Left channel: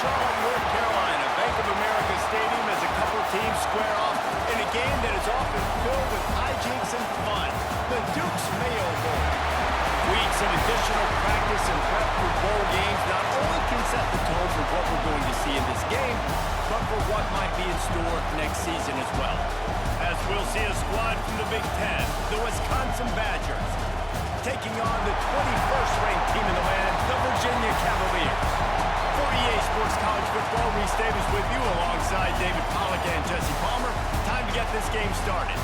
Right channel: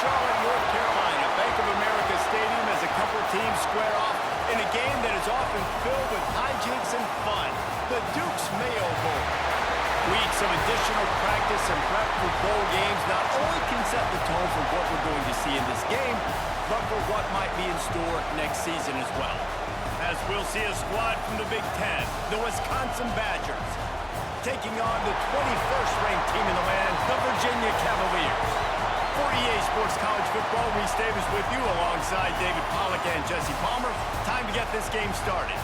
Charlotte, North Carolina. Bank of America Stadium as a couple teams square off in a game that is often filled with hijinks and fun. The Duke's Mayo Bowl. Weeks of additional practice and prep for bowl games not only can set the tone for what we're going to see in this game, but for what might be in store next season as well. As we'll see a squad from the Big Ten, the Wisconsin Badgers, taking on the 21st ranked team in the land, the Virginia Cavaliers. For EA Sports College Football, Reese Davis with you alongside David Pollack and Jesse Palmer. Time to get this game started.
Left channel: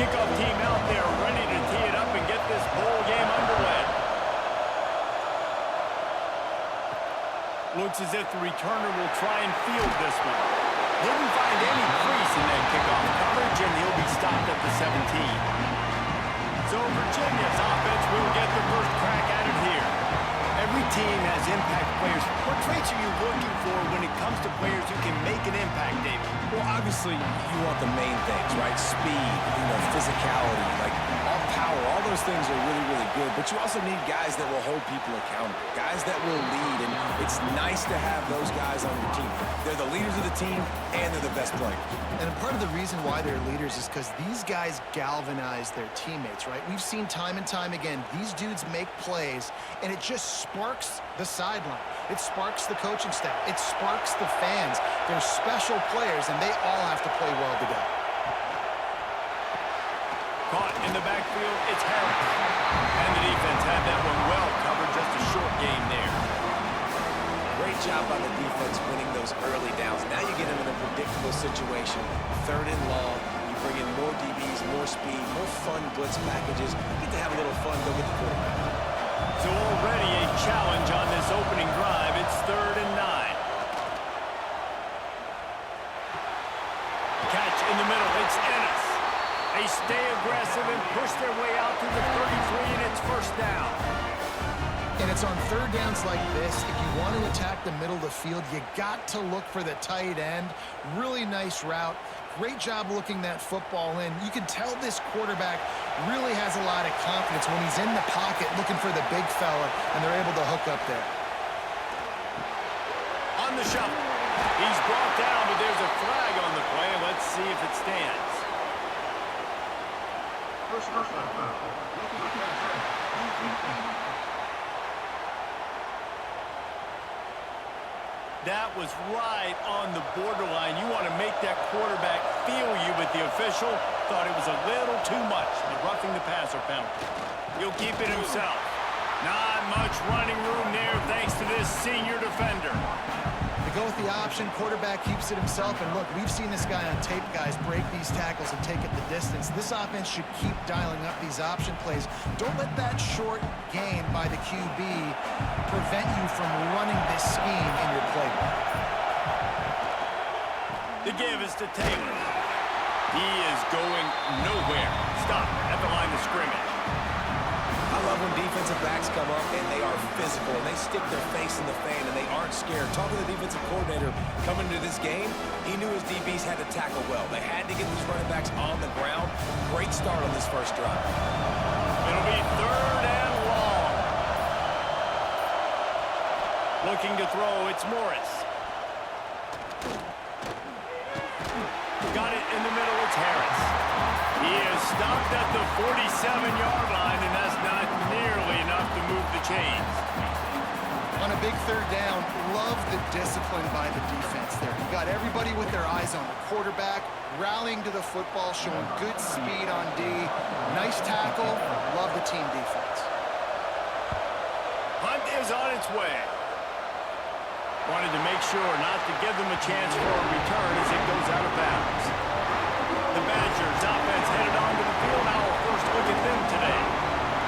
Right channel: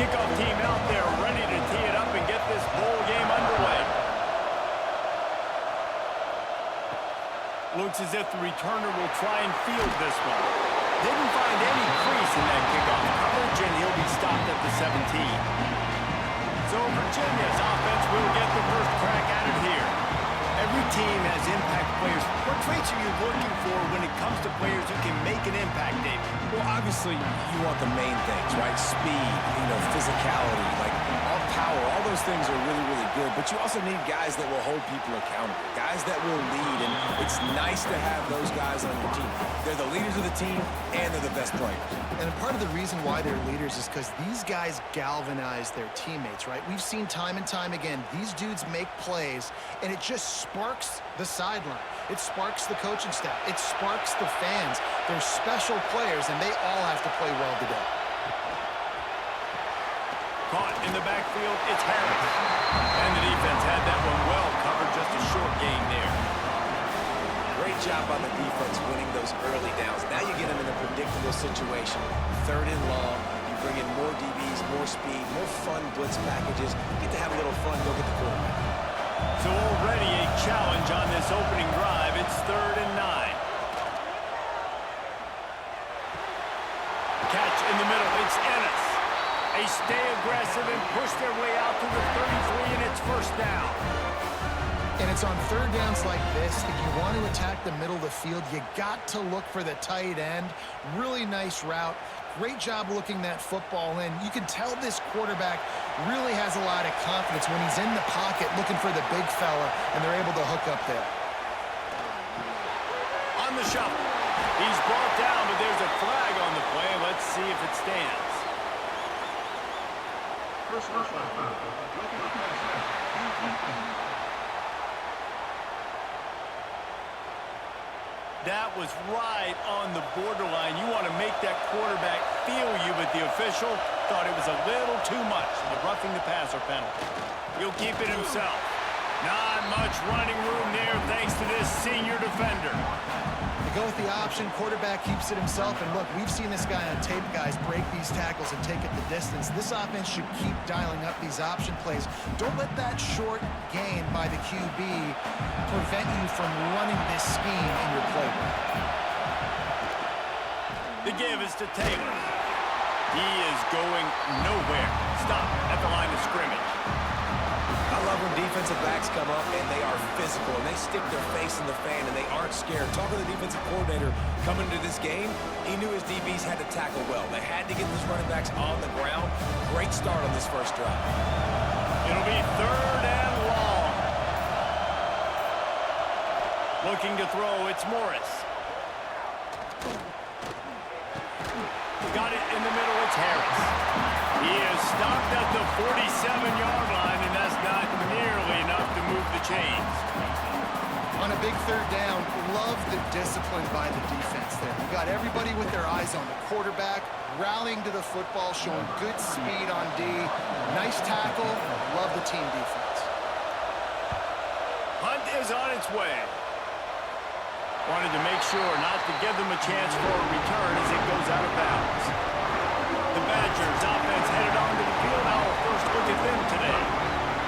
Kickoff team out there ready to tee it up and get this bowl game underway. Looks as if the returner will try and field this one. Didn't find any crease in that kickoff coverage, and he'll be stopped at the 17. So Virginia's offense will get the first crack at it here. Every team has impact players. What traits are you looking for when it comes to players who can make an impact, David? Well, obviously, you want the main things, right? Speed, physicality, like all power, all those things are really, really good. But you also need guys that will hold people accountable, guys that will lead. And it's nice to have those guys on your team. They're the leaders of the team, and they're the best players. And part of the reason why they're leaders is because these guys galvanize their teammates, right? We've seen time and time again, these dudes make plays, and it just sparks the sideline. It sparks the coaching staff. It sparks the fans. They're special players, and they all have to play well today. Caught in the backfield, it's Harris. And the defense had that one well covered, just a short game there. Great job by the defense winning those early downs. Now you get them in a predictable situation, 3rd and long. You bring in more DBs, more speed, more fun blitz packages. You get to have a little fun, go get the quarterback. So already a challenge on this opening drive. It's 3rd and 9. Catch in the middle. It's Ennis. They stay aggressive and push their way out to the 33, and it's first down. And it's on 3rd downs like this. If you want to attack the middle of the field, you got to look for the tight end. Really nice route. Great job looking that football in. You can tell this quarterback really has a lot of confidence when he's in the pocket looking for the big fella, and they're able to hook up there. On the shuffle. He's brought down, but there's a flag on the play. Let's see if it stands. Personal foul. That was right on the borderline. You want to make that quarterback feel you, but the official thought it was a little too much. The roughing the passer penalty. He'll keep it himself. Not much running room there thanks to this senior defender. They go with the option. Quarterback keeps it himself. And look, we've seen this guy on tape, guys, break these tackles and take it the distance. This offense should keep dialing up these option plays. Don't let that short gain by the QB prevent you from running this scheme in your playbook. The give is to Taylor. He is going nowhere. Stop at the line of scrimmage. I love when defensive backs come up and they are physical and they stick their face in the fan and they aren't scared. Talking to the defensive coordinator coming into this game, he knew his DBs had to tackle well. They had to get these running backs on the ground. Great start on this first drive. It'll be 3rd and long. Looking to throw, it's Morris. Got it in the middle, it's Harris. He is stopped at the 47-yard line, and that's not nearly enough to move the chains. On a big 3rd down, love the discipline by the defense there. You got everybody with their eyes on the quarterback, rallying to the football, showing good speed on D. Nice tackle. Love the team defense. Hunt is on its way. Wanted to make sure not to give them a chance for a return as it goes out of bounds. The Badgers offense headed onto the field. Our first look at them today.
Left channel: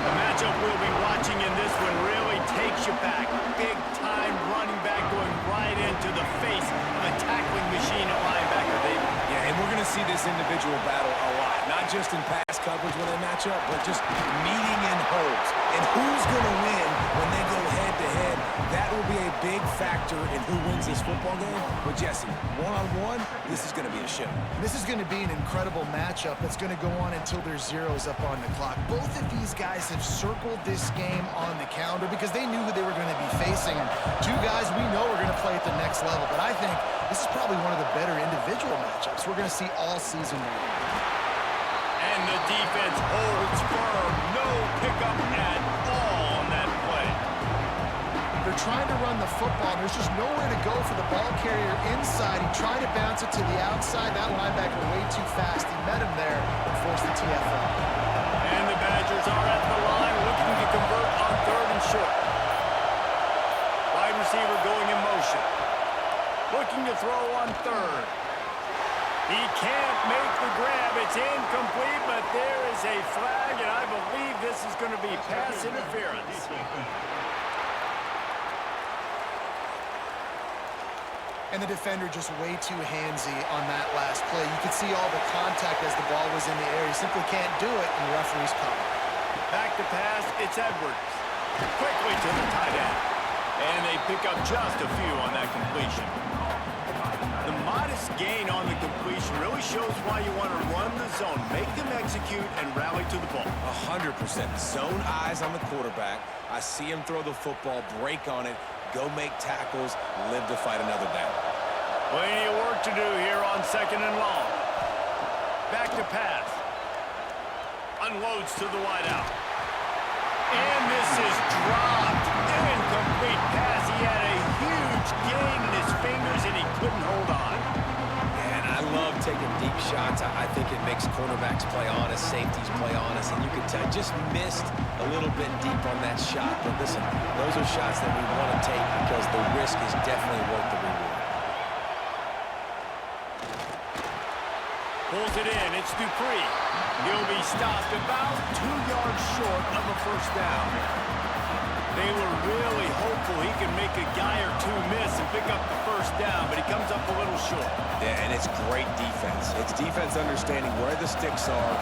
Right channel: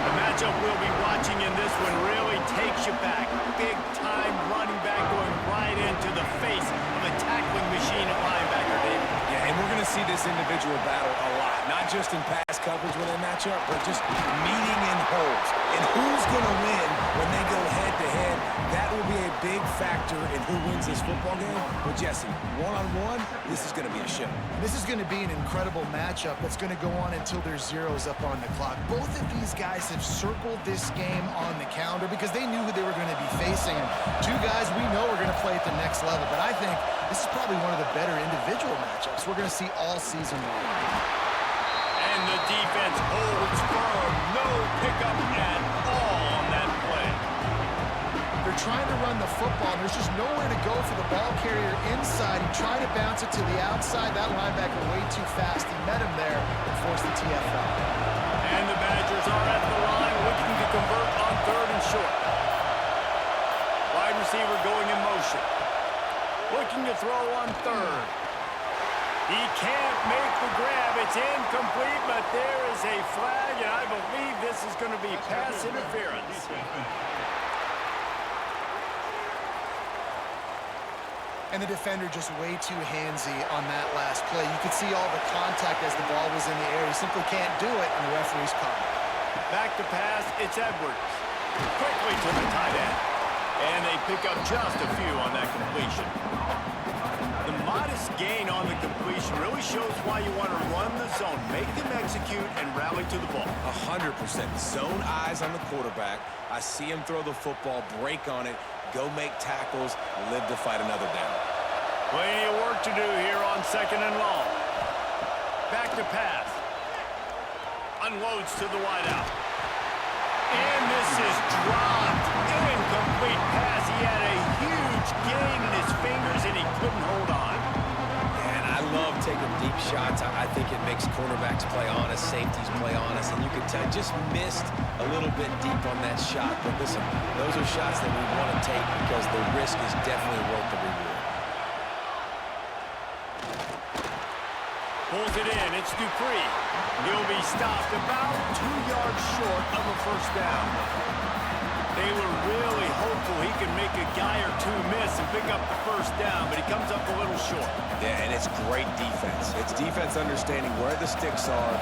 The matchup we'll be watching in this one really takes you back. Big-time running back going right into the face of a tackling machine at linebacker, David. Yeah, and we're going to see this individual battle a lot. Not just in pass coverage when they match up, but just meeting in holes. And who's going to win when they go head-to-head? That will be a big factor in who wins this football game. But, Jesse, one-on-one, this is going to be a show. This is going to be an incredible matchup that's going to go on until there's zeros up on the clock. Both of these guys have circled this game on the calendar because they knew who they were going to be facing. And two guys we know are going to play at the next level. But I think this is probably one of the better individual matchups we're going to see all season long. And the defense holds firm. No pickup at all on that play. They're trying to run the football, and there's just nowhere to go for the ball carrier inside. He tried to bounce it to the outside. That linebacker way too fast. He met him there and forced the TFL. And the Badgers are at the line looking to convert on 3rd and short. Wide receiver going in motion. Looking to throw on 3rd. He can't make the grab. It's incomplete, but there is a flag, and I believe this is going to be pass interference. And the defender just way too handsy on that last play. You could see all the contact as the ball was in the air. He simply can't do it, and the referee's caught it. Back to pass, it's Edwards. Quickly to the tight end. And they pick up just a few on that completion. The modest gain on the completion really shows why you want to run the zone, make them execute, and rally to the ball. 100%. Zone eyes on the quarterback. I see him throw the football, break on it, go make tackles, live to fight another down. Plenty of work to do here on 2nd and long. Back to pass. Unloads to the wideout. And this is dropped. Incomplete pass. He had a huge gain in his fingers, and he couldn't hold on. And I love taking deep shots. I think it makes cornerbacks play honest, safeties play honest, and you can tell just missed a little bit deep on that shot. But listen, those are shots that we want to take because the risk is definitely worth the reward. Pulls it in. It's Dupree. He'll be stopped about 2 yards short of a 1st down. They were really hopeful he could make a guy or two miss and pick up the 1st down, but he comes up a little short. Yeah, and it's great defense. It's defense understanding where the sticks are,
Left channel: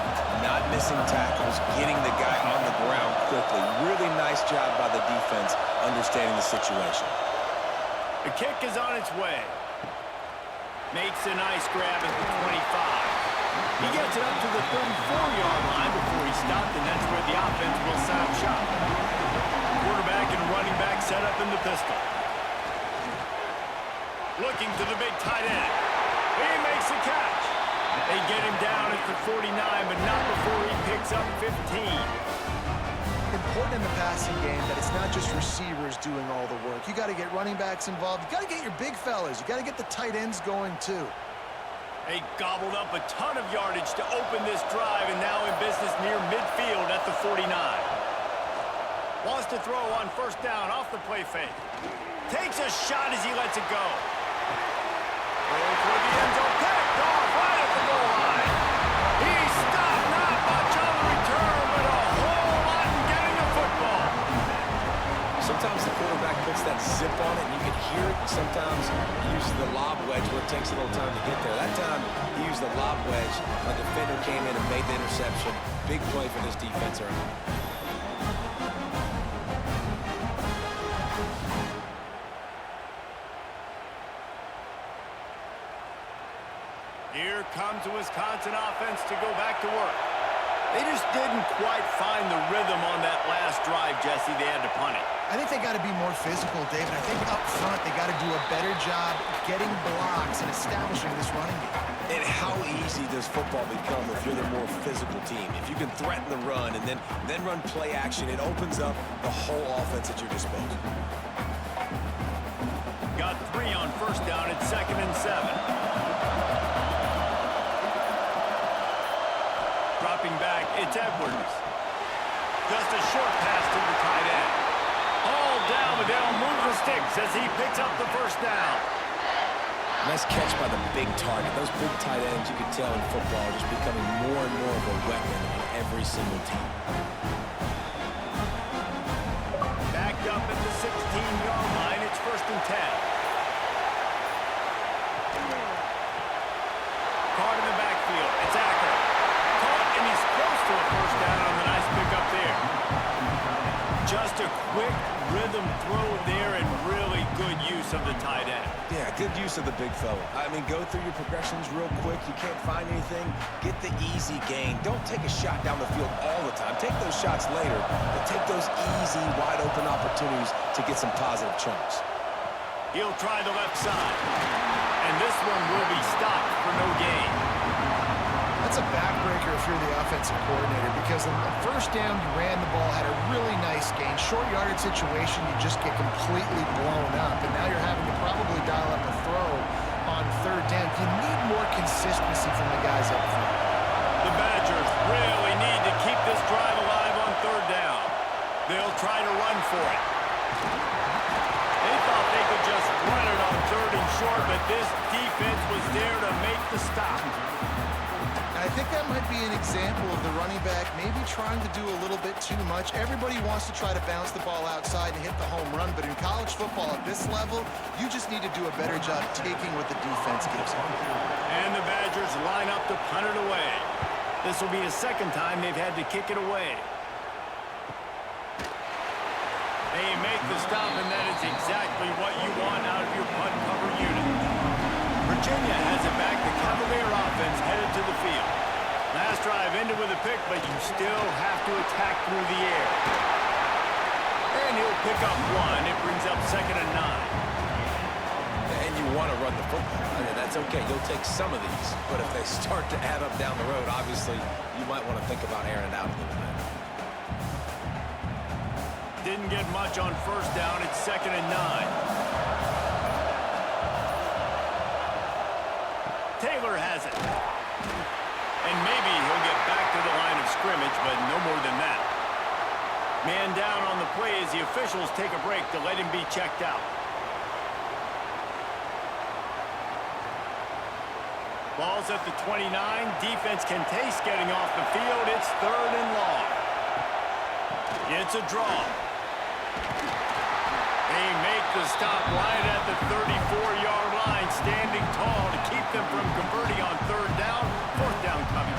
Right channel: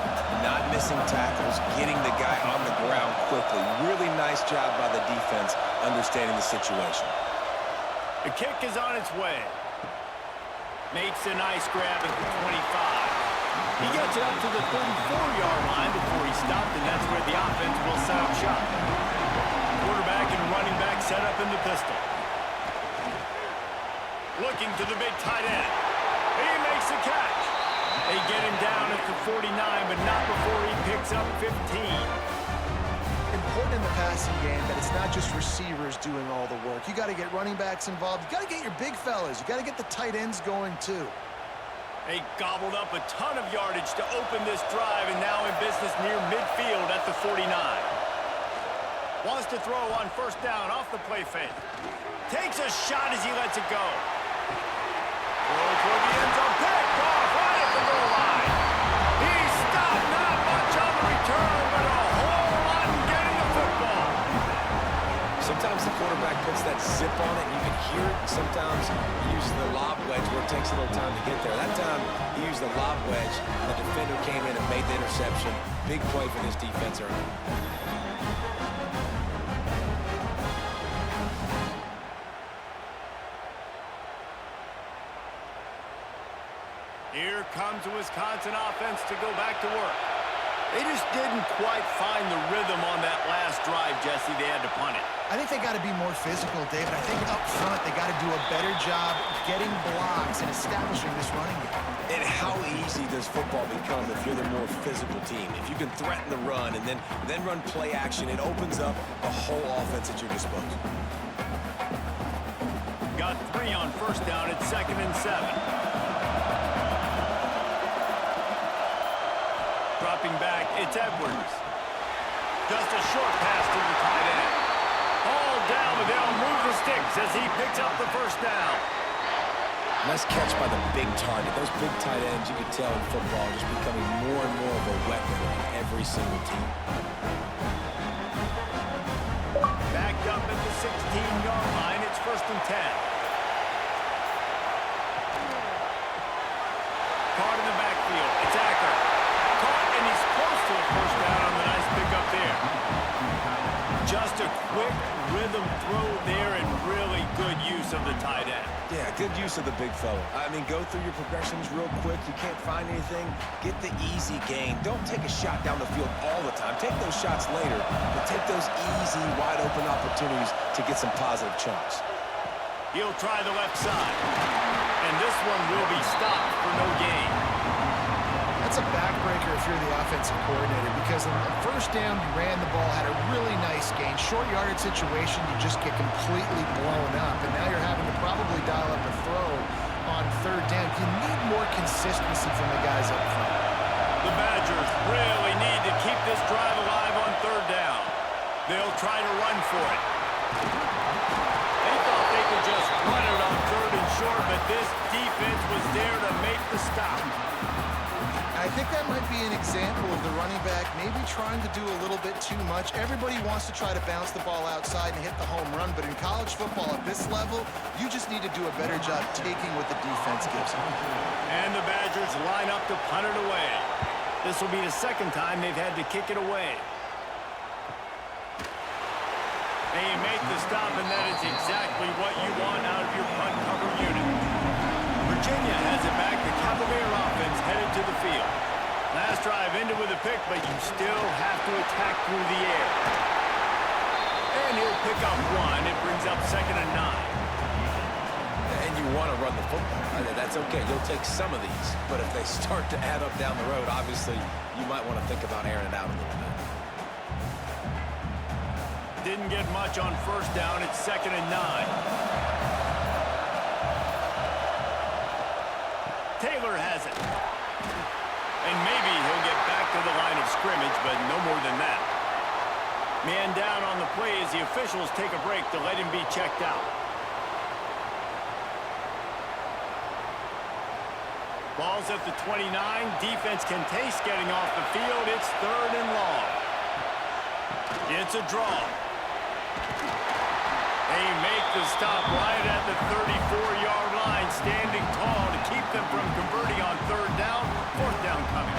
not missing tackles, getting the guy on the ground quickly. Really nice job by the defense understanding the situation. The kick is on its way. Makes a nice grab at the 25. He gets it up to the 34-yard line before he stopped, and that's where the offense will set up shop. Quarterback and running back set up in the pistol. Looking to the big tight end. He makes the catch. They get him down at the 49, but not before he picks up 15. Important in the passing game that it's not just receivers doing all the work. You got to get running backs involved. You got to get your big fellas. You got to get the tight ends going too. They gobbled up a ton of yardage to open this drive, and now in business near midfield at the 49. Wants to throw on 1st down off the play fake. Takes a shot as he lets it go. Throw toward the end zone, picked off right at the goal line. He stopped, not much on the return, but a whole lot in getting the football. Sometimes the quarterback puts that zip on it, and you can hear it. Sometimes he uses the lob wedge where it takes a little time to get there. That time, he used the lob wedge, and the defender came in and made the interception. Big play for this defense early. Here comes the Wisconsin offense to go back to work. They just didn't quite find the rhythm on that last drive, Jesse. They had to punt it. I think they got to be more physical, David. I think up front they got to do a better job getting blocks and establishing this running game. And how easy does football become if you're the more physical team? If you can threaten the run and then run play action, it opens up the whole offense at your disposal. Got 3 on 1st down at 2nd and 7. Dropping back, it's Edwards. Just a short pass to the tight end. Hauled down, but they'll move the sticks as he picks up the 1st down. Nice catch by the big target. Those big tight ends, you can tell in football, are just becoming more and more of a weapon on every single team. Backed up at the 16-yard line, it's 1st and 10. Caught in the backfield, it's Acker. Caught, and he's close to a 1st down on the nice pickup there. Just a quick rhythm throw there and really use of the tight end. Yeah, good use of the big fella. I mean, go through your progressions real quick. You can't find anything. Get the easy gain. Don't take a shot down the field all the time. Take those shots later, but take those easy, wide-open opportunities to get some positive chunks. He'll try the left side. And this one will be stopped for no gain. That's a backbreaker if you're the offensive coordinator, because on the first down, you ran the ball, had a really nice gain. Short yardage situation, you just get completely blown up, and now you're having to probably dial up a throw on third down. You need more consistency from the guys up front. The Badgers really need to keep this drive alive on third down. They'll try to run for it. They thought they could just run it on third and short, but this defense was there to make the stop. I think that might be an example of the running back maybe trying to do a little bit too much. Everybody wants to try to bounce the ball outside and hit the home run, but in college football at this level, you just need to do a better job taking what the defense gives you. And the Badgers line up to punt it away. This will be the second time they've had to kick it away. They make the stop, and that is exactly what you want out of your punt cover unit. Virginia has it back. The Cavalier offense headed to the field. Last drive ended with a pick, but you still have to attack through the air. And he'll pick up one. It brings up 2nd and 9. And you want to run the football. That's okay. You'll take some of these. But if they start to add up down the road, obviously, you might want to think about airing it out a little bit. Didn't get much on first down. It's 2nd and 9. Taylor has it. And maybe he'll get back to the line of scrimmage, but no more than that. Man down on the play as the officials take a break to let him be checked out. Ball's at the 29. Defense can taste getting off the field. It's 3rd and long. It's a draw. They make the stop right at the 34-yard line, standing tall to keep them from converting on third down. 4th down coming.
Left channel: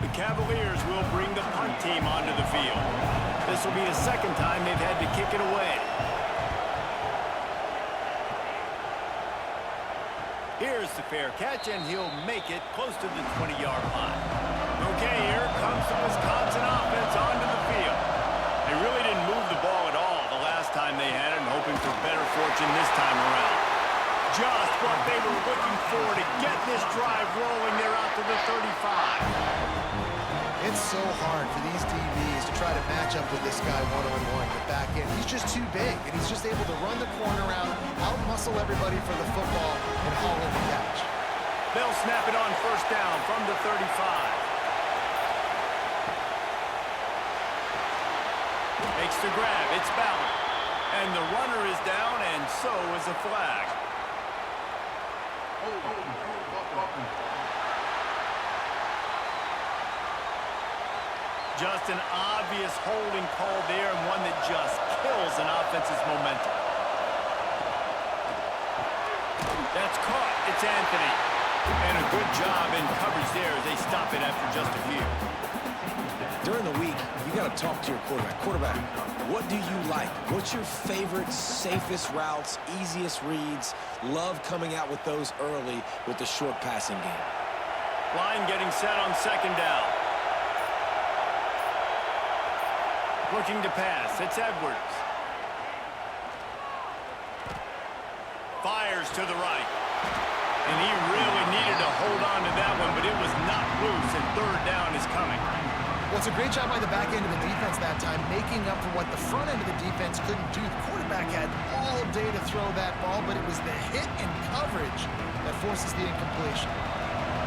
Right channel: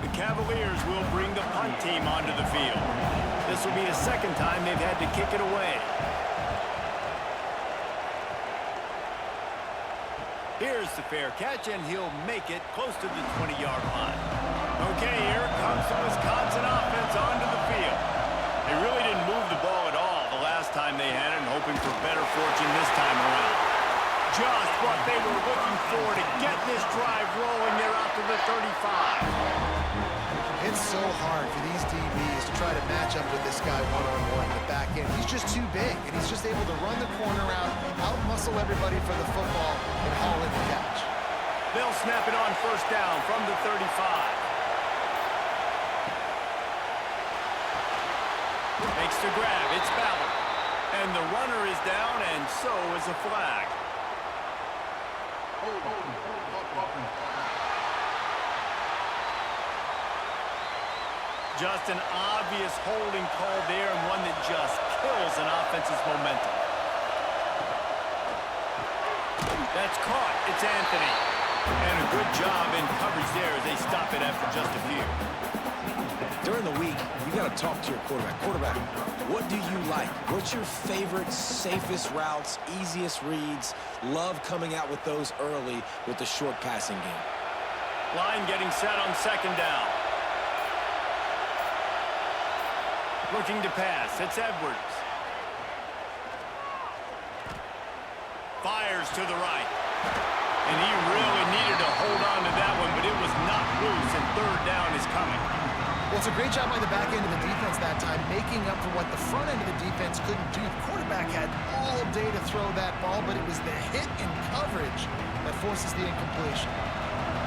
The Cavaliers will bring the punt team onto the field. This will be the second time they've had to kick it away. Here's the fair catch, and he'll make it close to the 20-yard line. Okay, here comes the Wisconsin offense onto the field. They really didn't move the ball at all the last time they had it, and hoping for better fortune this time around. Just what they were looking for to get this drive rolling. They're out to the 35. It's so hard for these DBs to try to match up with this guy one-on-one in the back end. He's just too big, and he's just able to run the corner out muscle everybody for the football, and haul in the catch. They'll snap it on first down from the 35. Makes the grab. It's Ballard. And the runner is down, and so is a flag. Just an obvious holding call there, and one that just kills an offense's momentum. That's caught. It's Anthony. And a good job in coverage there as they stop it after just a few. During the week, you got to talk to your quarterback. Quarterback, what do you like? What's your favorite, safest routes, easiest reads? Love coming out with those early with the short passing game. Line getting set on 2nd down. Looking to pass. It's Edwards. Fires to the right. And he really needed to hold on to that one, but it was not loose, and 3rd down is coming. Well, it's a great job by the back end of the defense that time, making up for what the front end of the defense couldn't do. The quarterback had all day to throw that ball, but it was the hit and coverage that forces the incompletion.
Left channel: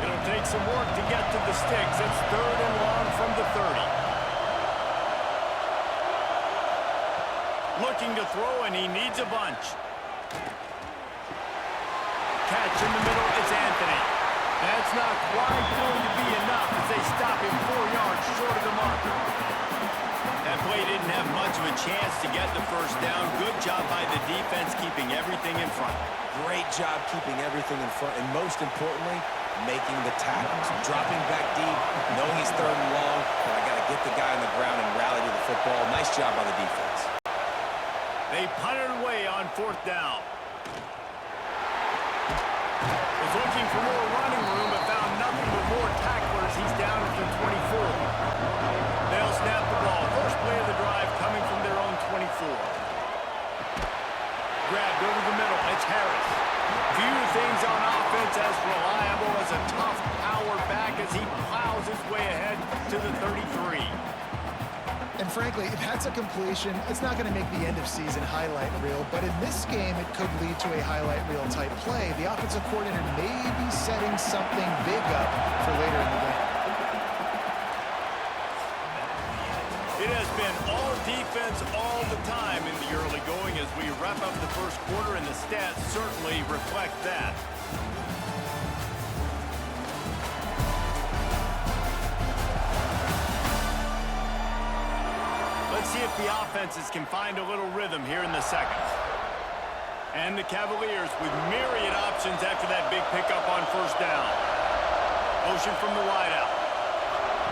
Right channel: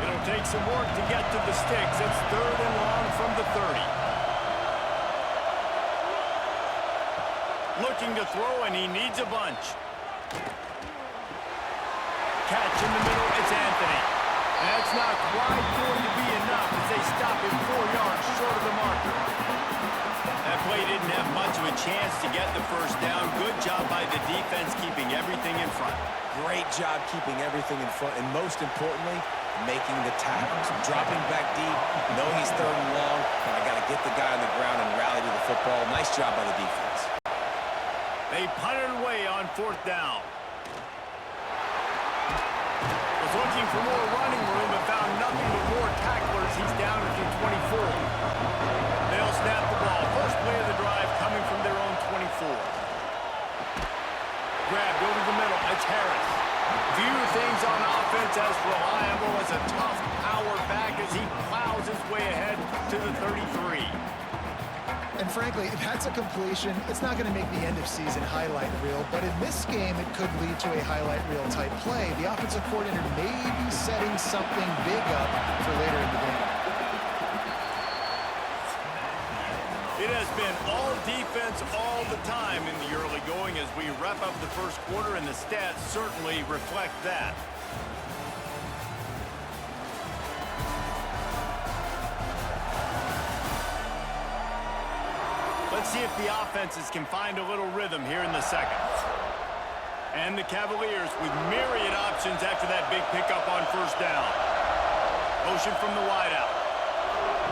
It'll take some work to get to the sticks. It's 3rd and long from the 30. Looking to throw, and he needs a bunch. Catch in the middle, it's Anthony. That's not quite going to be enough as they stop him 4 yards short of the marker. That play didn't have much of a chance to get the first down. Good job by the defense keeping everything in front. Great job keeping everything in front, and most importantly, making the tackles, dropping back deep, knowing he's third and long, but I got to get the guy on the ground and rally to the football. Nice job by the defense. They punted away on 4th down. Was looking for more running room, but found nothing but more tacklers. He's down at the 24. They'll snap the ball. First play of the drive coming from their own 24. Grabbed over the middle. It's Harris. Few things on offense as reliable as a tough power back as he plows his way ahead to the 33. And frankly, if that's a completion, it's not going to make the end-of-season highlight reel. But in this game, it could lead to a highlight reel type play. The offensive coordinator may be setting something big up for later in the game. It has been all defense all the time in the early going as we wrap up the first quarter, and the stats certainly reflect that. Let's see if the offenses can find a little rhythm here in the second. And the Cavaliers with myriad options after that big pickup on 1st down. Motion from the wideout.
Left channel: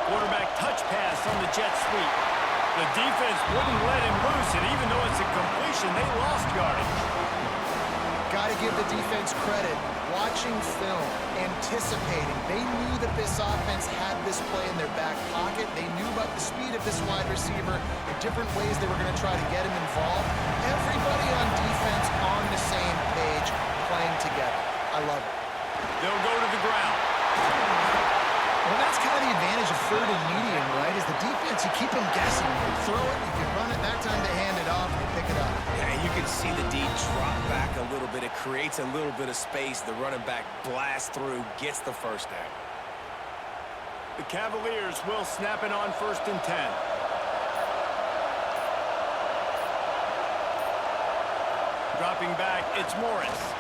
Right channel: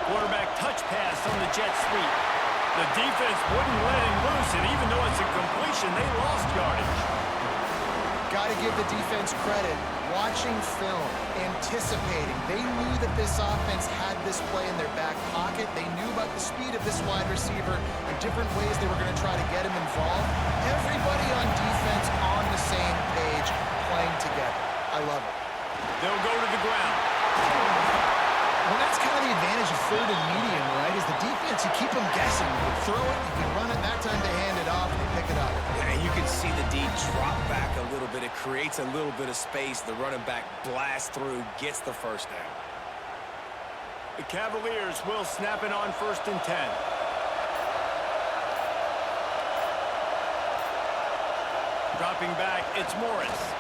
Quarterback touch pass on the jet sweep. The defense wouldn't let him loose, and even though it's a completion, they lost yardage. Got to give the defense credit. Watching film, anticipating. They knew that this offense had this play in their back pocket. They knew about the speed of this wide receiver and different ways they were going to try to get him involved. Everybody on defense on the same page, playing together. I love it. They'll go to the ground. Well, that's kind of the advantage of 3rd and medium, right? Is the defense, you keep them guessing. You can throw it, you can run it. That time they hand it off, and they pick it up. Yeah, you can see the D drop back a little bit. It creates a little bit of space. The running back blasts through, gets the 1st down. The Cavaliers will snap it on 1st and 10. Dropping back, it's Morris.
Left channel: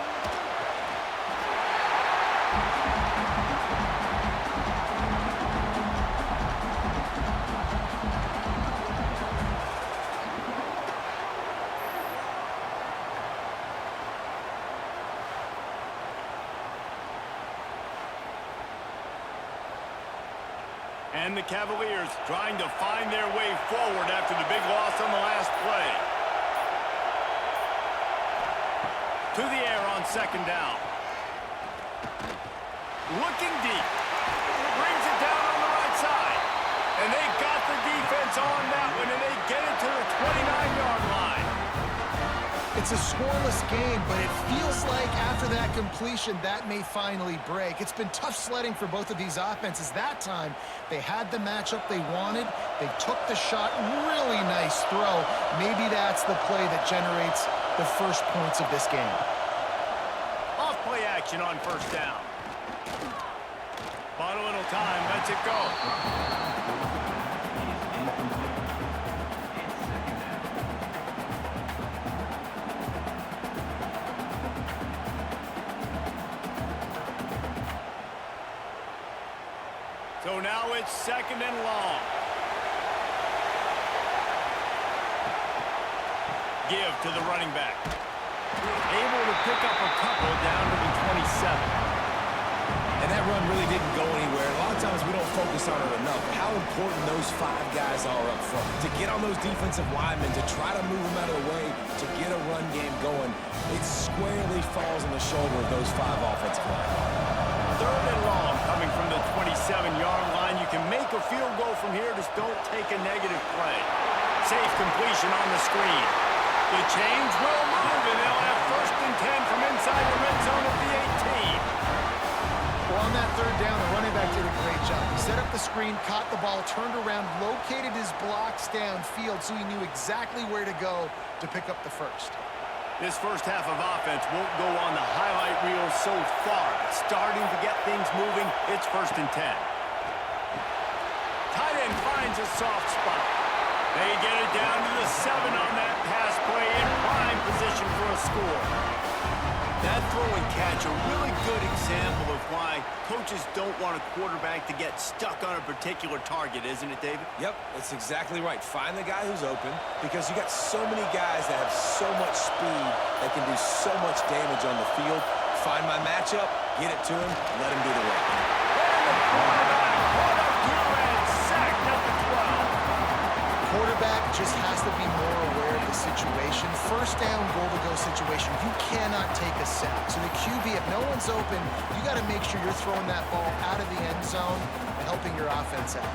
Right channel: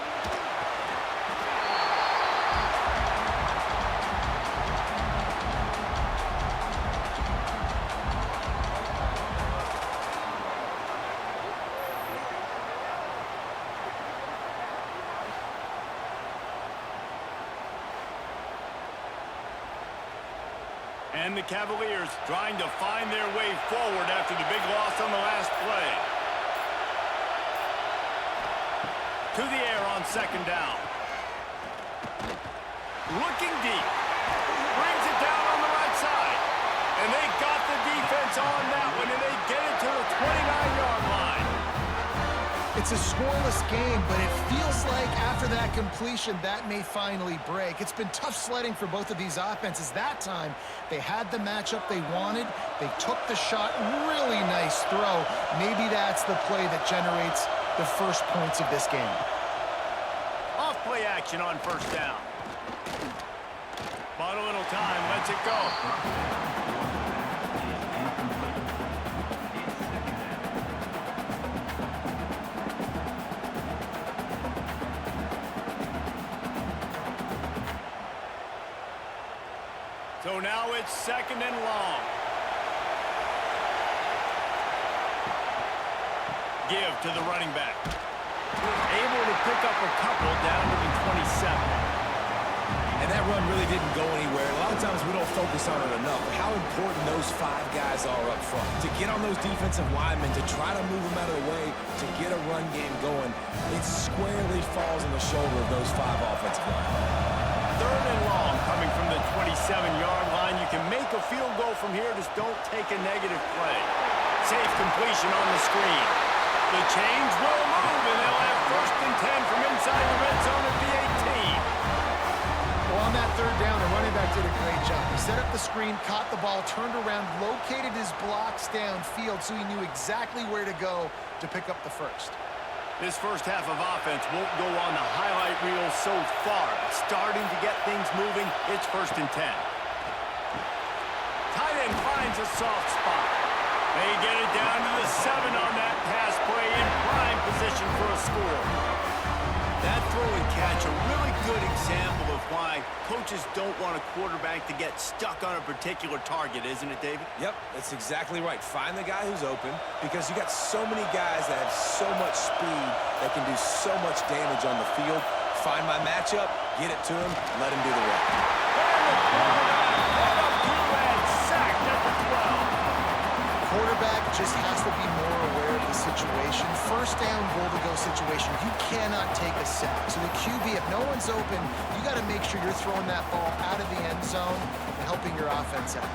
And the Cavaliers trying to find their way forward after the big loss on the last play. To the air on 2nd down. Looking deep. Brings it down on the right side. And they got the defense on that one, and they get it to the 29-yard line. It's a scoreless game, but it feels like after that completion, that may finally break. It's been tough sledding for both of these offenses. That time, they had the matchup they wanted. They took the shot. Really nice throw. Maybe that's the play that generates the first points of this game. Off play action on 1st down. Bought a little time. Lets it go. So now it's 2nd and long. Give to the running back. Able to pick up a couple down to the 27. And that run really didn't go anywhere. A lot of times we don't focus on it enough, but how important those 5 guys are up front. To get on those defensive linemen, to try to move them out of the way, to get a run game going, it squarely falls on the shoulder of those 5 offensive linemen. 3rd and long coming from the 27-yard line. You can make a field goal from here, just don't take a negative play. Safe completion on the screen. The chains will move, and they'll have 1st and 10 from inside the red zone at the 18. Well, on that 3rd down, the running back did a great job. He set up the screen, caught the ball, turned around, located his blocks downfield so he knew exactly where to go to pick up the 1st. This first half of offense won't go on the highlight reel so far, but starting to get things moving, it's 1st and 10. Tight end finds a soft spot. They get it down to the 7 on that pass play in prime position for a score. That throw and catch, a really good example of why coaches don't want a quarterback to get stuck on a particular target, isn't it, David? Yep, that's exactly right. Find the guy who's open, because you got so many guys that have so much speed that can do so much damage on the field. Find my matchup, Get it to him, let him do the rest. And the quarterback brought up 2 and sacked at the 12. Quarterback just has to be more aware of the situation. First down, goal-to-go situation. You cannot take a sack. So the QB, if no one's open, you got to make sure you're throwing that ball out of the end zone and helping your offense out.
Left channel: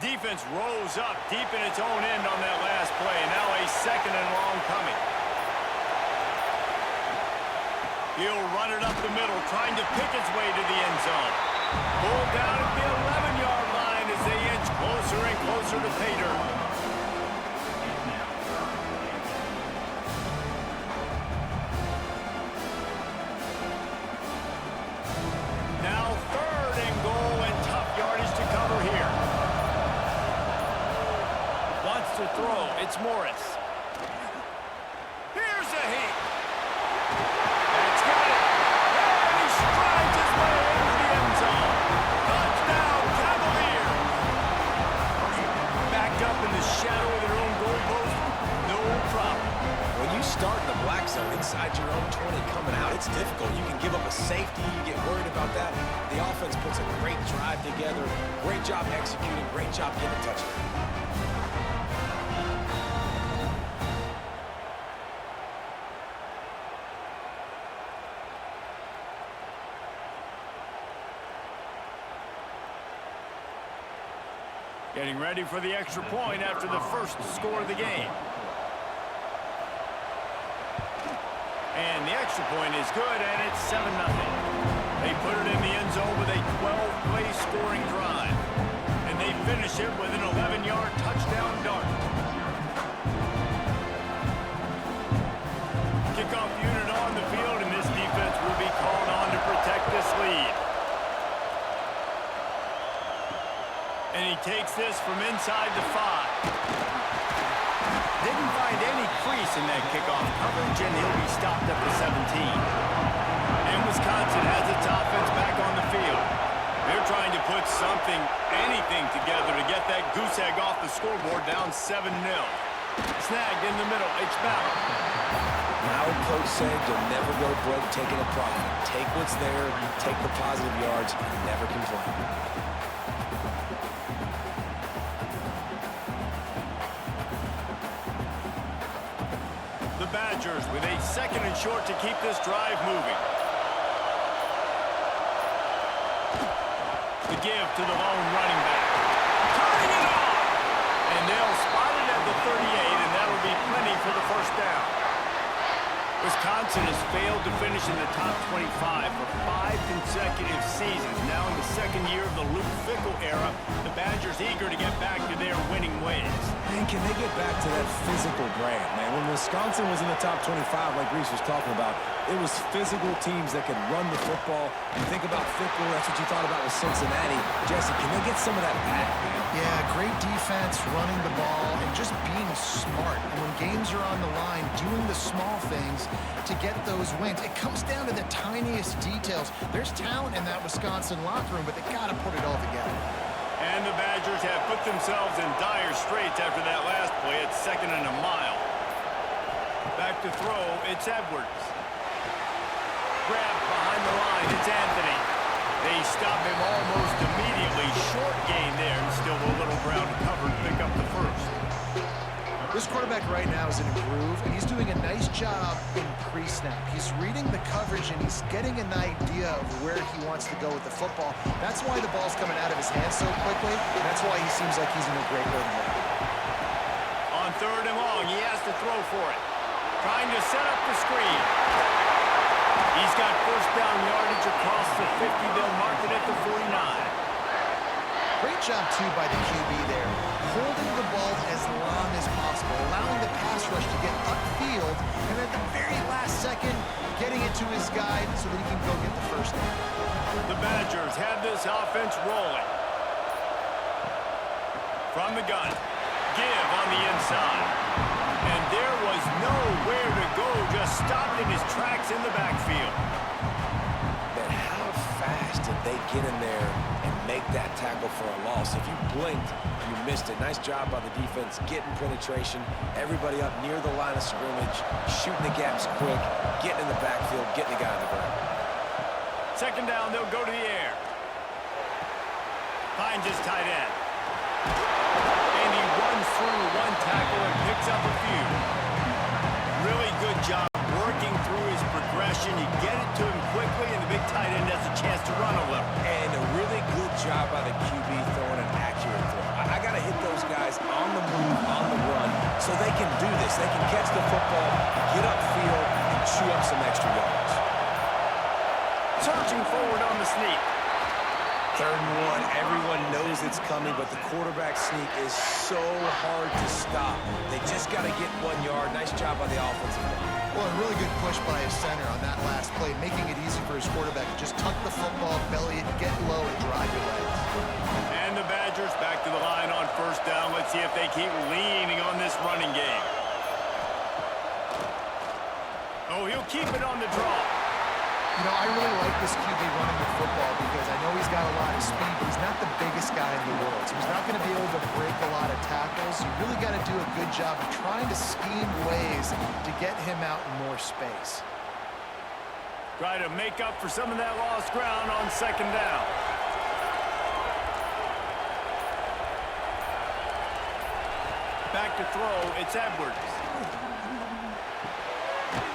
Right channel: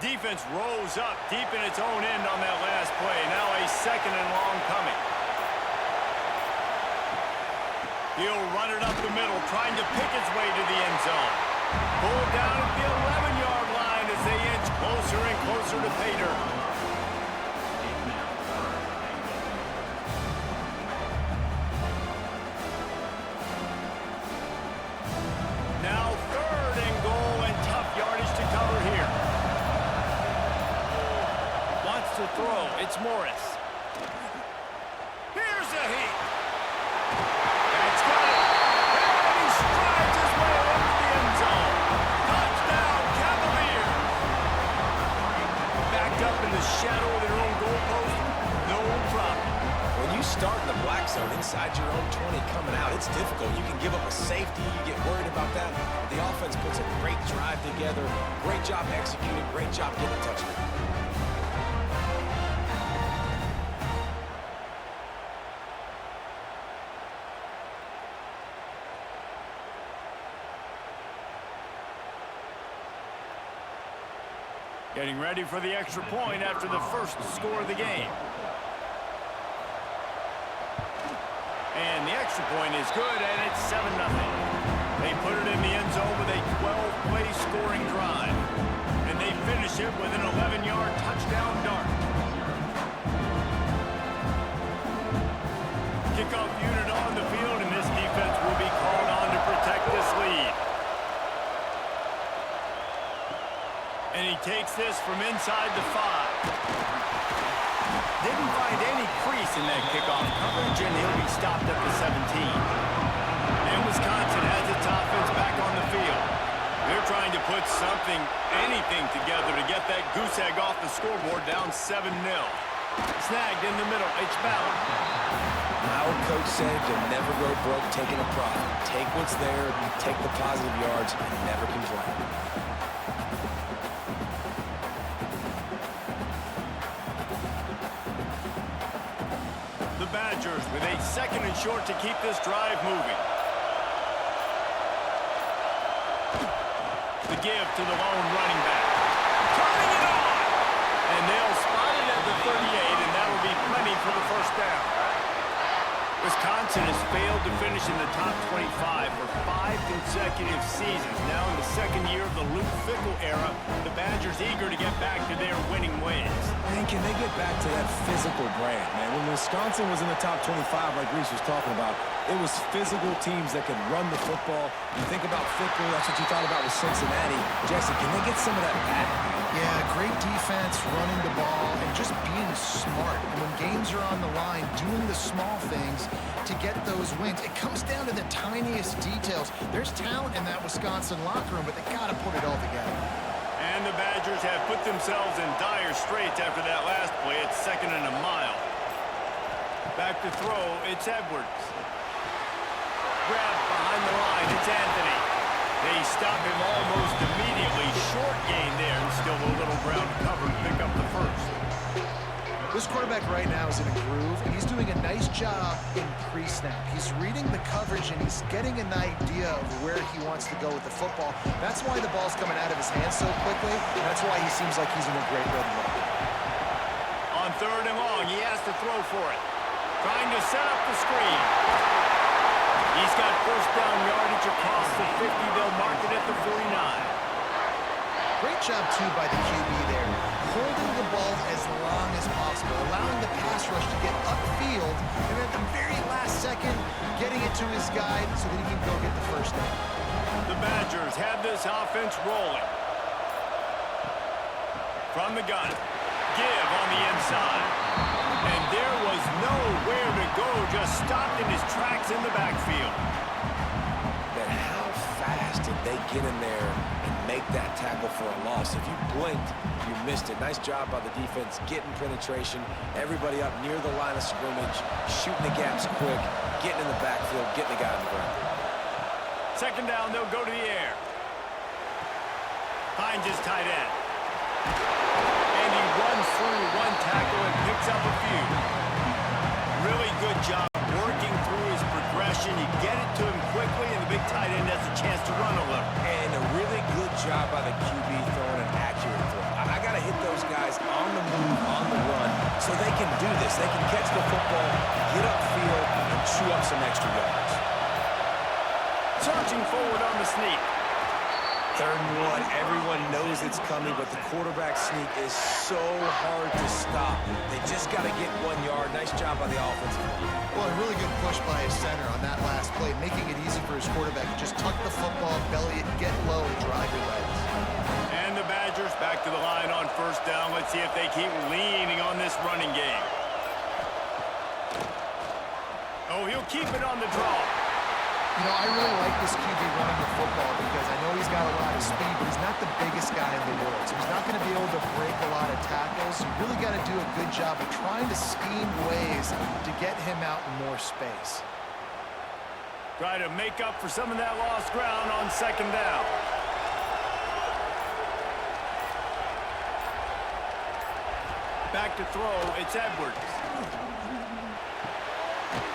Defense rose up deep in its own end on that last play. Now a 2nd and long coming. He'll run it up the middle, trying to pick its way to the end zone. Pulled down at the 11-yard line as they inch closer and closer to pay dirt. Now 3rd and goal and tough yardage to cover here. Wants to throw. It's Morris. Here's a heat. That's got it. And he strides his way into the end zone. Touchdown, Cavaliers. Backed up in the shadow of their own goalpost. No problem. When you start in the black zone inside your own 20 coming out, it's difficult. You can give up a safety. You get worried about that. The offense puts a great drive together. Great job executing. Great job getting a touchdown. Getting ready for the extra point after the first score of the game. And the extra point is good, and it's 7-0. They put it in the end zone with a 12-play scoring drive. And they finish it with an 11-yard touchdown dart. Kickoff unit on the field, and this defense will be called on to protect this lead. And he takes this from inside the 5. Didn't find any crease in that kickoff coverage, and he'll be stopped at the 17. And Wisconsin has its offense back on the field. They're trying to put something, anything together to get that goose egg off the scoreboard down 7-0. Snagged in the middle, H. Ballard. Our coach said you'll never go broke taking a profit. Take what's there, take the positive yards, and never complain. The Badgers with a 2nd and short to keep this drive moving. The give to the lone running back. Turning it on! And they'll spot it at the 38, and that'll be plenty for the first down. Wisconsin has failed to finish in the top 25 for 5 consecutive seasons. Now in the 2nd year of the Luke Fickell era, the Badgers eager to get back to their winning ways. Man, can they get back to that physical brand, man? When Wisconsin was in the top 25, like Reese was talking about, it was physical teams that could run the football. You think about Fickell, that's what you thought about with Cincinnati. Jesse, can they get some of that back, man? Yeah, great defense, running the ball, and just being smart. And when games are on the line, doing the small things to get those wins. It comes down to the tiniest details. There's talent in that Wisconsin locker room, but they got to put it all together. And the Badgers have put themselves in dire straits after that last play. It's 2nd and a mile. Back to throw, it's Edwards. Grabbed behind the line, it's Anthony. They stop him almost immediately. Short gain there, and still a little ground covered to pick up the first. This quarterback right now is in a groove, and he's doing a nice job in pre-snap. He's reading the coverage, and he's getting an idea of where he wants to go with the football. That's why the ball's coming out of his hands so quickly, and that's why he seems like he's in a great rhythm right now. On 3rd and long, he has to throw for it. Trying to set up the screen. He's got first down yardage across the 50. They'll mark it at the 49. Great job, too, by the QB there, holding the ball as long as possible, allowing the pass rush to get upfield, and at the very last second, getting it to his guy so that he can go get the first down. The Badgers have this offense rolling. From the gun, give on the inside. And there was nowhere to go, just stopped in his tracks in the backfield. But how fast did they get in there and make that tackle for a loss. If you blinked, you missed it. Nice job by the defense, getting penetration, everybody up near the line of scrimmage, shooting the gaps quick, getting in the backfield, getting the guy on the ground. Second down, they'll go to the air. Finds his tight end. And he runs through one tackle and picks up a few. Really good job working through his progression. You get it to him quickly, and the big tight end has a chance to run a little. And a really good job by the QB throwing an accurate throw. I got to hit those guys on the move, on the run, so they can do this. They can catch the football, get upfield, and chew up some extra yards. Searching forward on the sneak. 3rd and 1, everyone knows it's coming, but the quarterback sneak is so hard to stop. They just got to get 1 yard. Nice job by the offensive line. Well, a really good push by his center on that last play, making it easy for his quarterback to just tuck the football, belly it, get low, and drive your legs. And the Badgers back to the line on 1st down. Let's see if they keep leaning on this running game. Oh, he'll keep it on the draw. You know, I really like this QB running the football because I know he's got a lot of speed, but he's not the biggest guy in the world. So he's not going to be able to break a lot of tackles. You really got to do a good job of trying to scheme ways to get him out in more space. Try to make up for some of that lost ground on 2nd down. Back to throw, it's Edwards.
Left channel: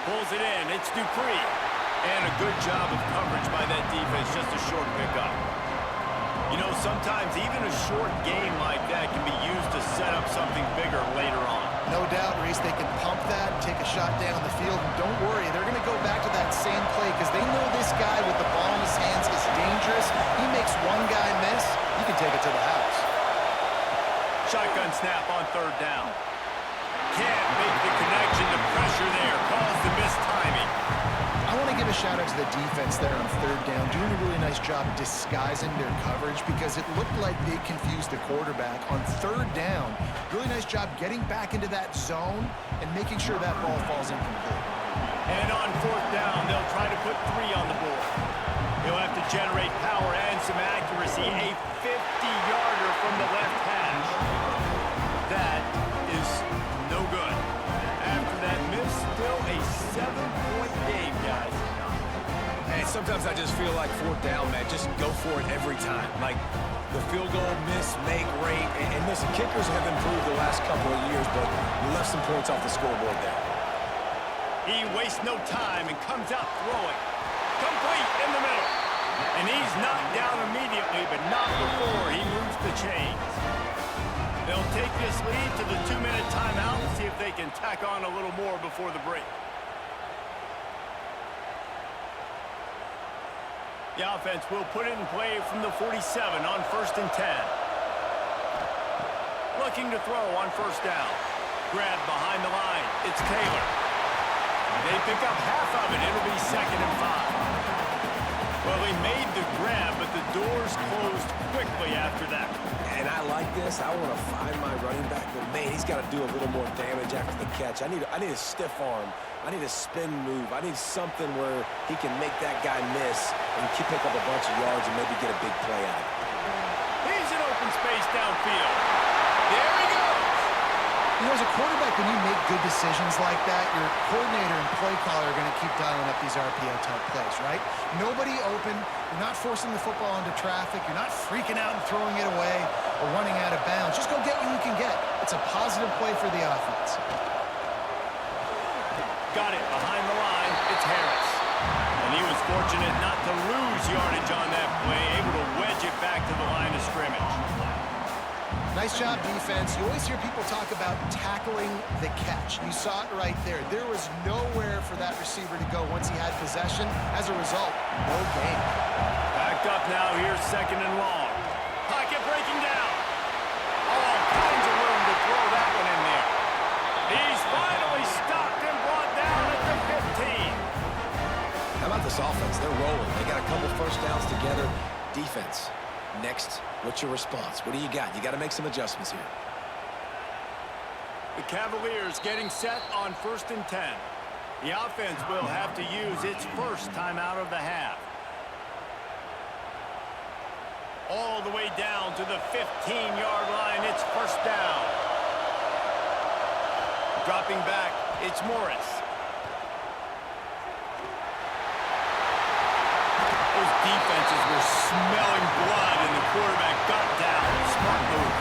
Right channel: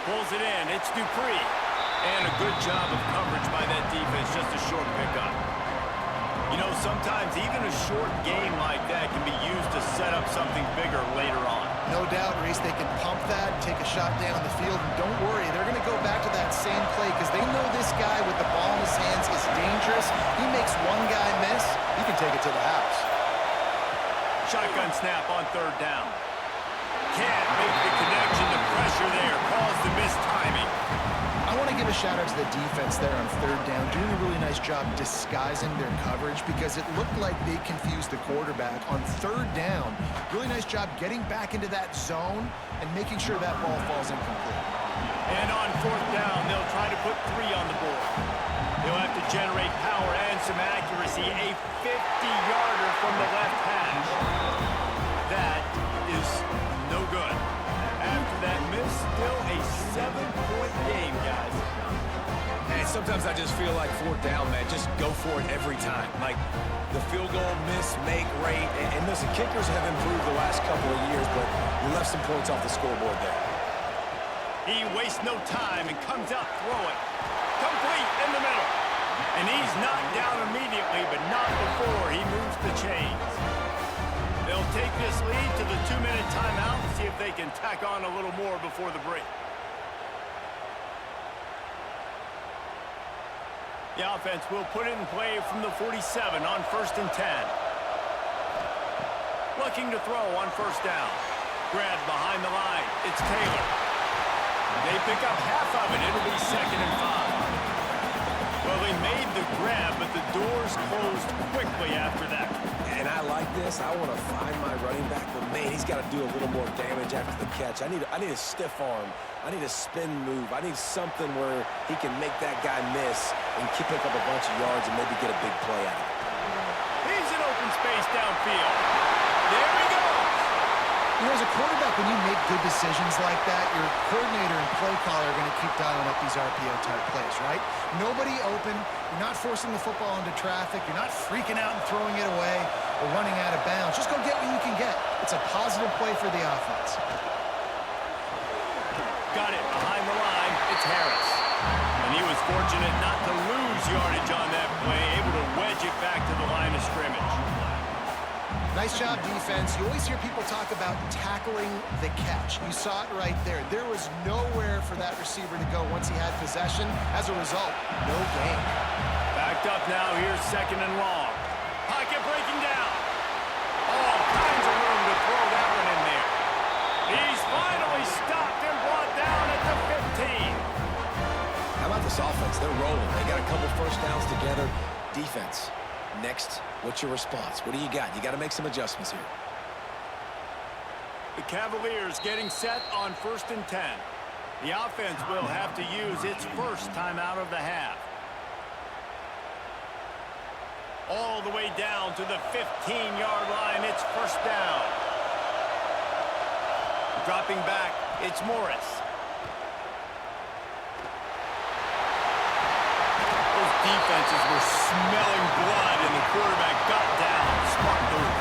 Pulls it in, it's Dupree. And a good job of coverage by that defense, just a short pickup. You know, sometimes even a short game like that can be used to set up something bigger later on. No doubt, Reese, they can pump that, take a shot down the field, and don't worry, they're going to go back to that same play because they know this guy with the ball in his hands is dangerous. He makes one guy miss, he can take it to the house. Shotgun snap on 3rd down. Can't make the connection. The pressure there caused the missed timing. I want to give a shout out to the defense there on 3rd down, doing a really nice job disguising their coverage because it looked like they confused the quarterback on 3rd down. Really nice job getting back into that zone and making sure that ball falls incomplete. And on 4th down, they'll try to put 3 on the board. He'll have to generate power and some accuracy. A 50-yarder from the left hash. That is no good. After that miss, still a 7-point game, guys. And sometimes I just feel like 4th down, man, just go for it every time. Like the field goal, miss, make, rate. And listen, kickers have improved the last couple of years, but you left some points off the scoreboard there. He wastes no time and comes out throwing. Complete in the middle. And he's knocked down immediately, but not before he moves the chains. They'll take this lead to the 2-minute timeout and see if they can tack on a little more before the break. The offense will put it in play from the 47 on 1st and 10. Looking to throw on 1st down. Grabbed behind the line. It's Taylor. They pick up half of it. It'll be 2nd and 5. Well, they made the grab, but the doors closed quickly after that. And I like this. I want to find my running back, but man, he's got to do a little more damage after the catch. I need a stiff arm. I need a spin move. I need something where he can make that guy miss and pick up a bunch of yards and maybe get a big play out of it. He's in open space downfield. There he goes. You know, as a quarterback, when you make good decisions like that, your coordinator and play caller are going to keep dialing up these RPO-type plays, right? Nobody open. You're not forcing the football into traffic. You're not freaking out and throwing it away or running out of bounds. Just go get what you can get. It's a positive play for the offense. Got it behind the line. It's Harris. And he was fortunate not to lose yardage on that play, able to wedge it back to the line of scrimmage. Nice job, defense. You always hear people talk about tackling the catch. You saw it right there. There was nowhere for that receiver to go once he had possession. As a result, no gain. Backed up now. Here's 2nd and long. Pocket breaking down. All kinds of room to throw that one in there. He's finally stopped and brought down at the 15. How about this offense? They're rolling. They got a couple 1st downs together. Defense. Next, what's your response? What do you got? You got to make some adjustments here. The Cavaliers getting set on 1st and 10. The offense will have to use its first timeout of the half. all the way down to the 15-yard line. It's first down. Dropping back, it's Morris. Those defenses were smelling blood, and the quarterback got down. Smart move.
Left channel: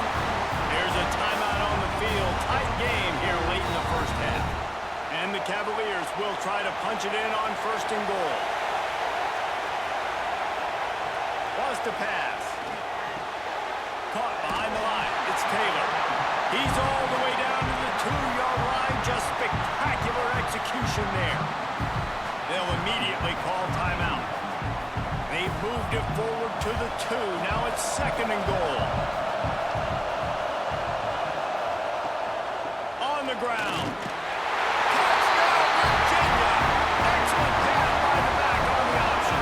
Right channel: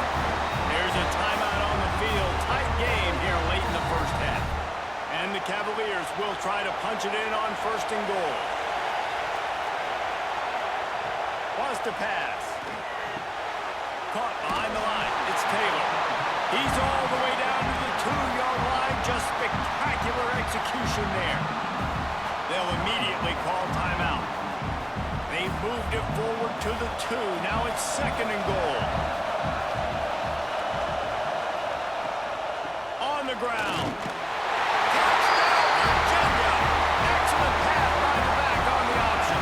There's a timeout on the field. Tight game here late in the first half. And the Cavaliers will try to punch it in on first and goal. Was to pass. Caught behind the line. It's Taylor. He's all the way down to the 2-yard line. Just spectacular execution there. They'll immediately call timeout. They've moved it forward to the 2. Now it's second and goal. On the ground. Touchdown, Virginia! Excellent pass by the back on the option.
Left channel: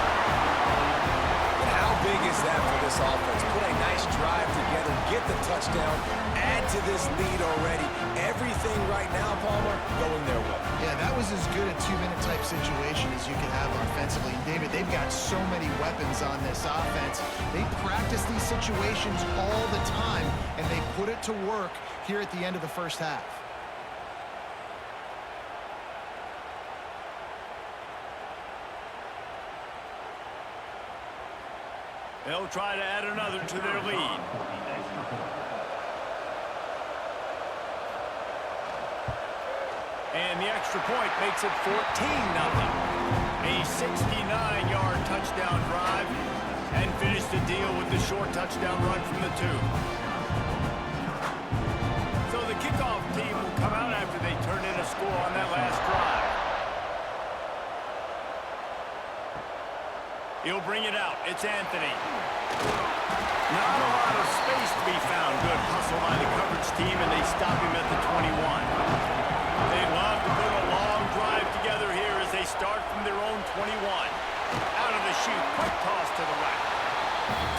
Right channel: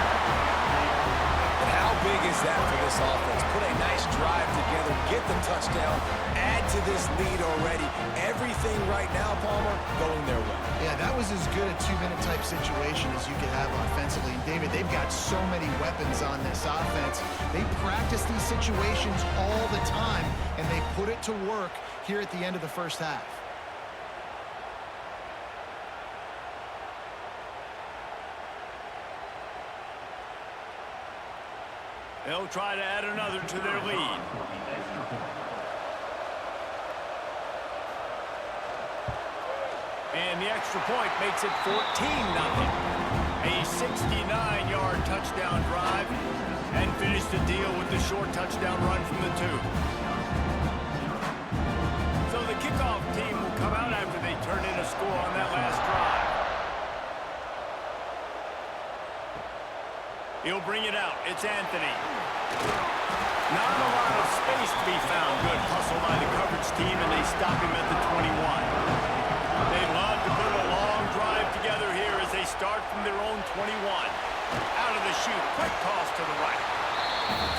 And how big is that for this offense? Put a nice drive together, get the touchdown, add to this lead already. Everything right now, Palmer, going their way. Yeah, that was as good a 2-minute type situation as you could have offensively. And David, they've got so many weapons on this offense. They practice these situations all the time, and they put it to work here at the end of the first half. They'll try to add another to their lead. And the extra point makes it 14-0. A 69-yard touchdown drive, and finish the deal with the short touchdown run from the 2. So the kickoff team will come out after they turn in a score on that last drive. He'll bring it out. It's Anthony. Not a lot of space to be found. Good hustle by the coverage team, and they stop him at the 21. They love to put a long drive together here as they start from their own 21. Out of the chute. Quick toss to the right.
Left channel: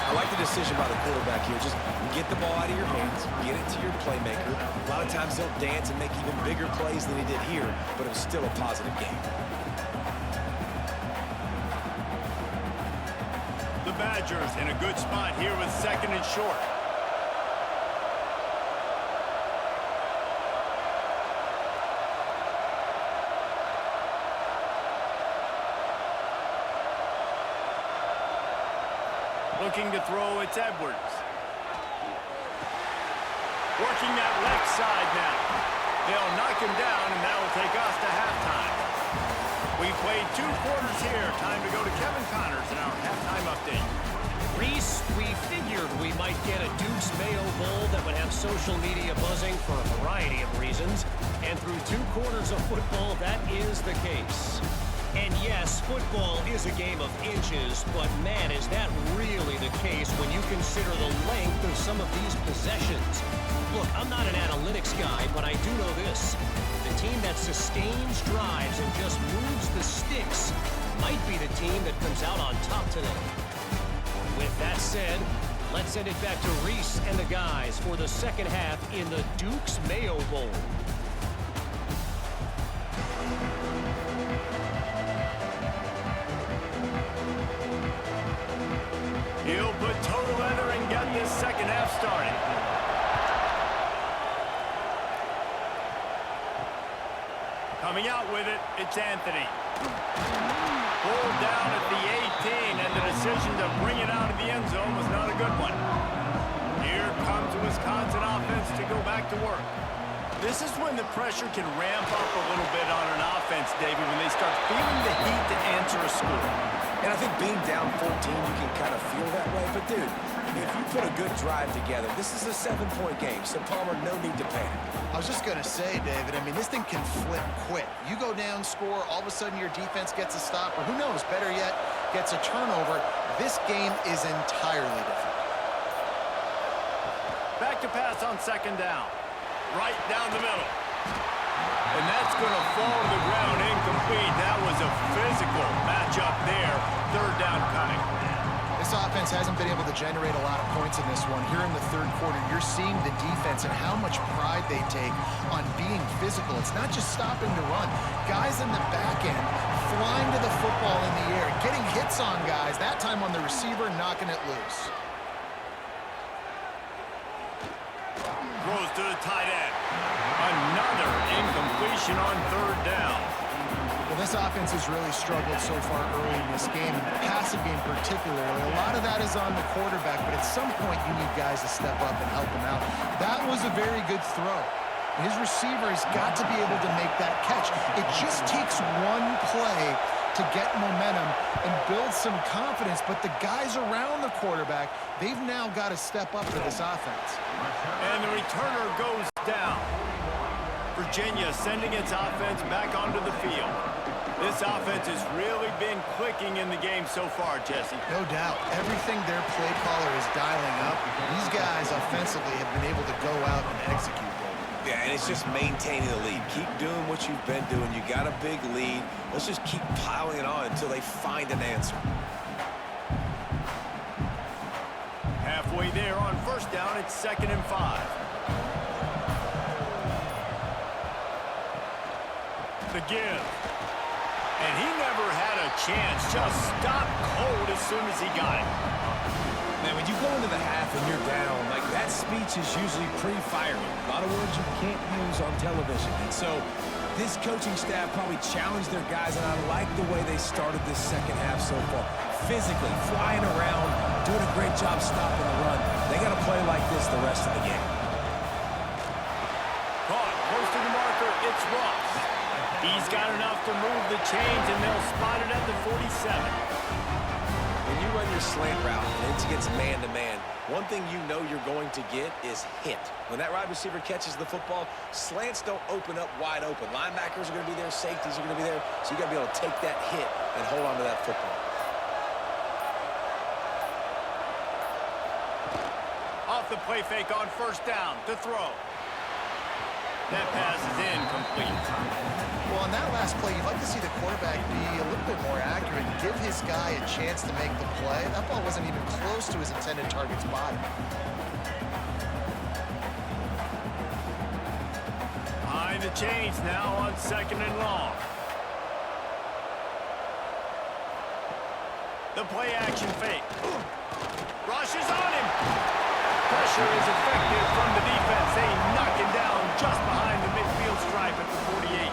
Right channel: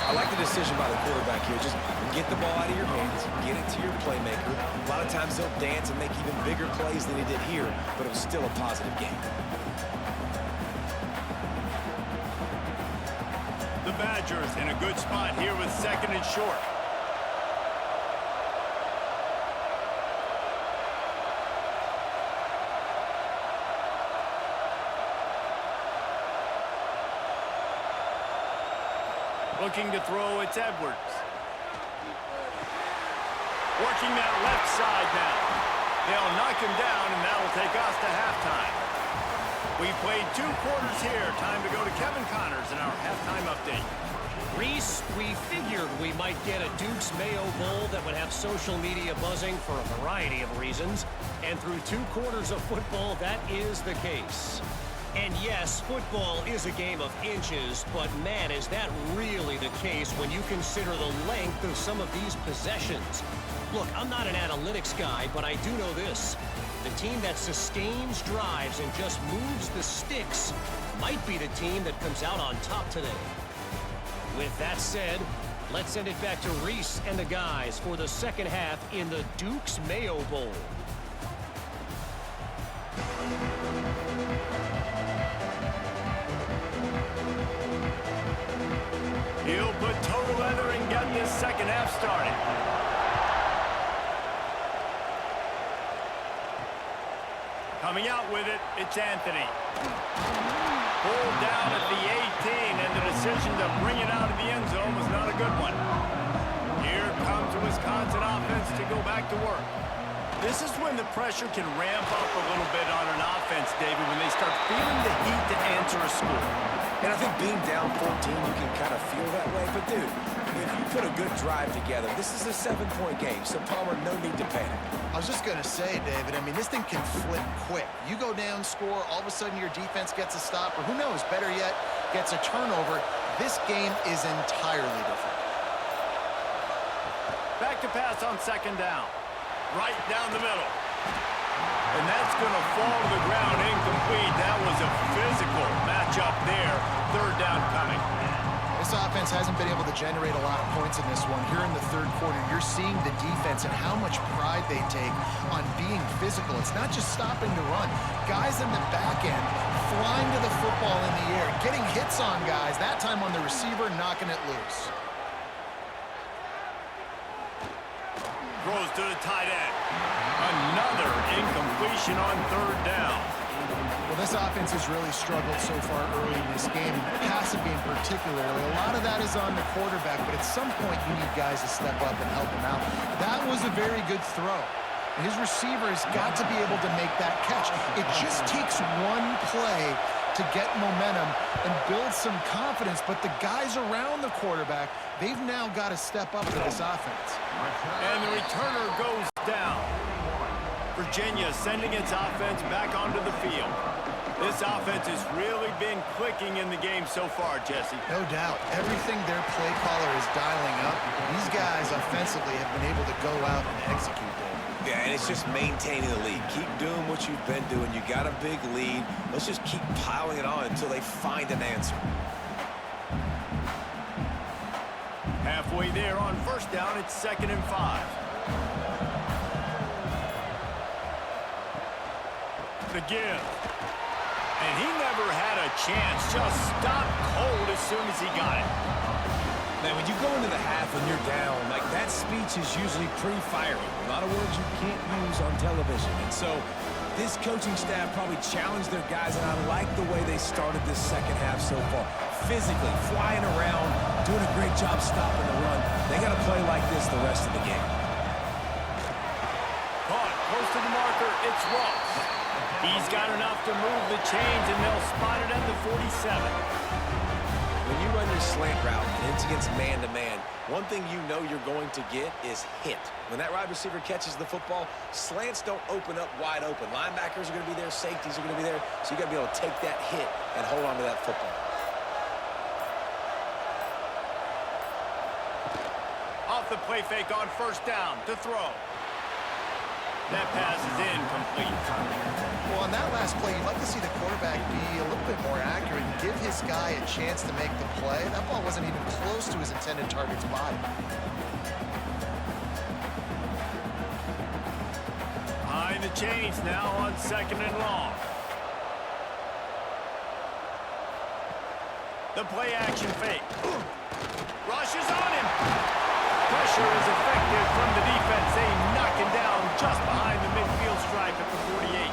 I like the decision by the quarterback here. Just get the ball out of your hands, get it to your playmaker. A lot of times they'll dance and make even bigger plays than he did here, but it was still a positive game. The Badgers in a good spot here with second and short. Looking to throw, it's Edwards. Working that left side now. They'll knock him down, and that'll take us to halftime. We've played 2 quarters here. Time to go to Kevin Connors in our halftime update. Reese, we figured we might get a Duke's Mayo Bowl that would have social media buzzing for a variety of reasons. And through 2 quarters of football, that is the case. And yes, football is a game of inches, but man, is that really the case when you consider the length of some of these possessions. Look, I'm not an analytics guy, but I do know this. The team that sustains drives and just moves the sticks might be the team that comes out on top today. With that said, let's send it back to Reese and the guys for the second half in the Duke's Mayo Bowl. He'll put total leather and get this second half started. Coming out with it, it's Anthony. Pulled down at the 18, and the decision to bring it out of the end zone was not a good one. Here comes the Wisconsin offense to go back to work. This is when the pressure can ramp up a little bit on an offense, David, when they start feeling the heat to answer a score. And I think being down 14, you can kind of feel that way. But, dude, if you put a good drive together, this is a 7-point game, so Palmer, no need to panic. I was just going to say, David, I mean, this thing can flip quick. You go down, score, all of a sudden your defense gets a stop, or who knows, better yet, gets a turnover. This game is entirely different. Back to pass on second down. Right down the middle. And that's going to fall to the ground incomplete. That was a physical matchup there. Third down coming. This offense hasn't been able to generate a lot of points in this one. Here in the third quarter, you're seeing the defense and how much pride they take on being physical. It's not just stopping to run. Guys in the back end flying to the football in the air, getting hits on guys, that time on the receiver, knocking it loose. Throws to the tight end. Another incompletion on third down. Well, this offense has really struggled so far early in this game, and the passing game particularly. A lot of that is on the quarterback, but at some point you need guys to step up and help him out. That was a very good throw. And his receiver has got to be able to make that catch. It just takes one play to get momentum and build some confidence, but the guys around the quarterback, they've now got to step up for this offense. And the returner goes down. Virginia sending its offense back onto the field. This offense has really been clicking in the game so far, Jesse. No doubt. Everything their play caller is dialing up, these guys offensively have been able to go out and execute, David. Yeah, and it's just maintaining the lead. Keep doing what you've been doing. You got a big lead. Let's just keep piling it on until they find an answer. Halfway there on first down, it's 2nd and 5. The give. And he never had a chance. Just stopped cold as soon as he got it. Man, when you go into the half and you're down, like, that speech is usually pretty fiery. A lot of words you can't use on television. And so this coaching staff probably challenged their guys, and I like the way they started this second half so far. Physically, flying around, doing a great job stopping the run. They got to play like this the rest of the game. Caught close to the marker. It's Ross. He's got enough to move the chains, and they'll spot it at the 47. When you run your slant route and it's against man-to-man, one thing you know you're going to get is hit. When that wide receiver catches the football, slants don't open up wide open. Linebackers are going to be there, safeties are going to be there, so you got to be able to take that hit and hold on to that football. Off the play fake on first down to throw. That pass is incomplete. Well, on that last play, you'd like to see the quarterback be a little bit more accurate and give his guy a chance to make the play. That ball wasn't even close to his intended target's body. Behind the chains now on 2nd and long. The play action fake. Rushes on him. Pressure is effective from the defense. They knock him down just behind the midfield stripe at the 48.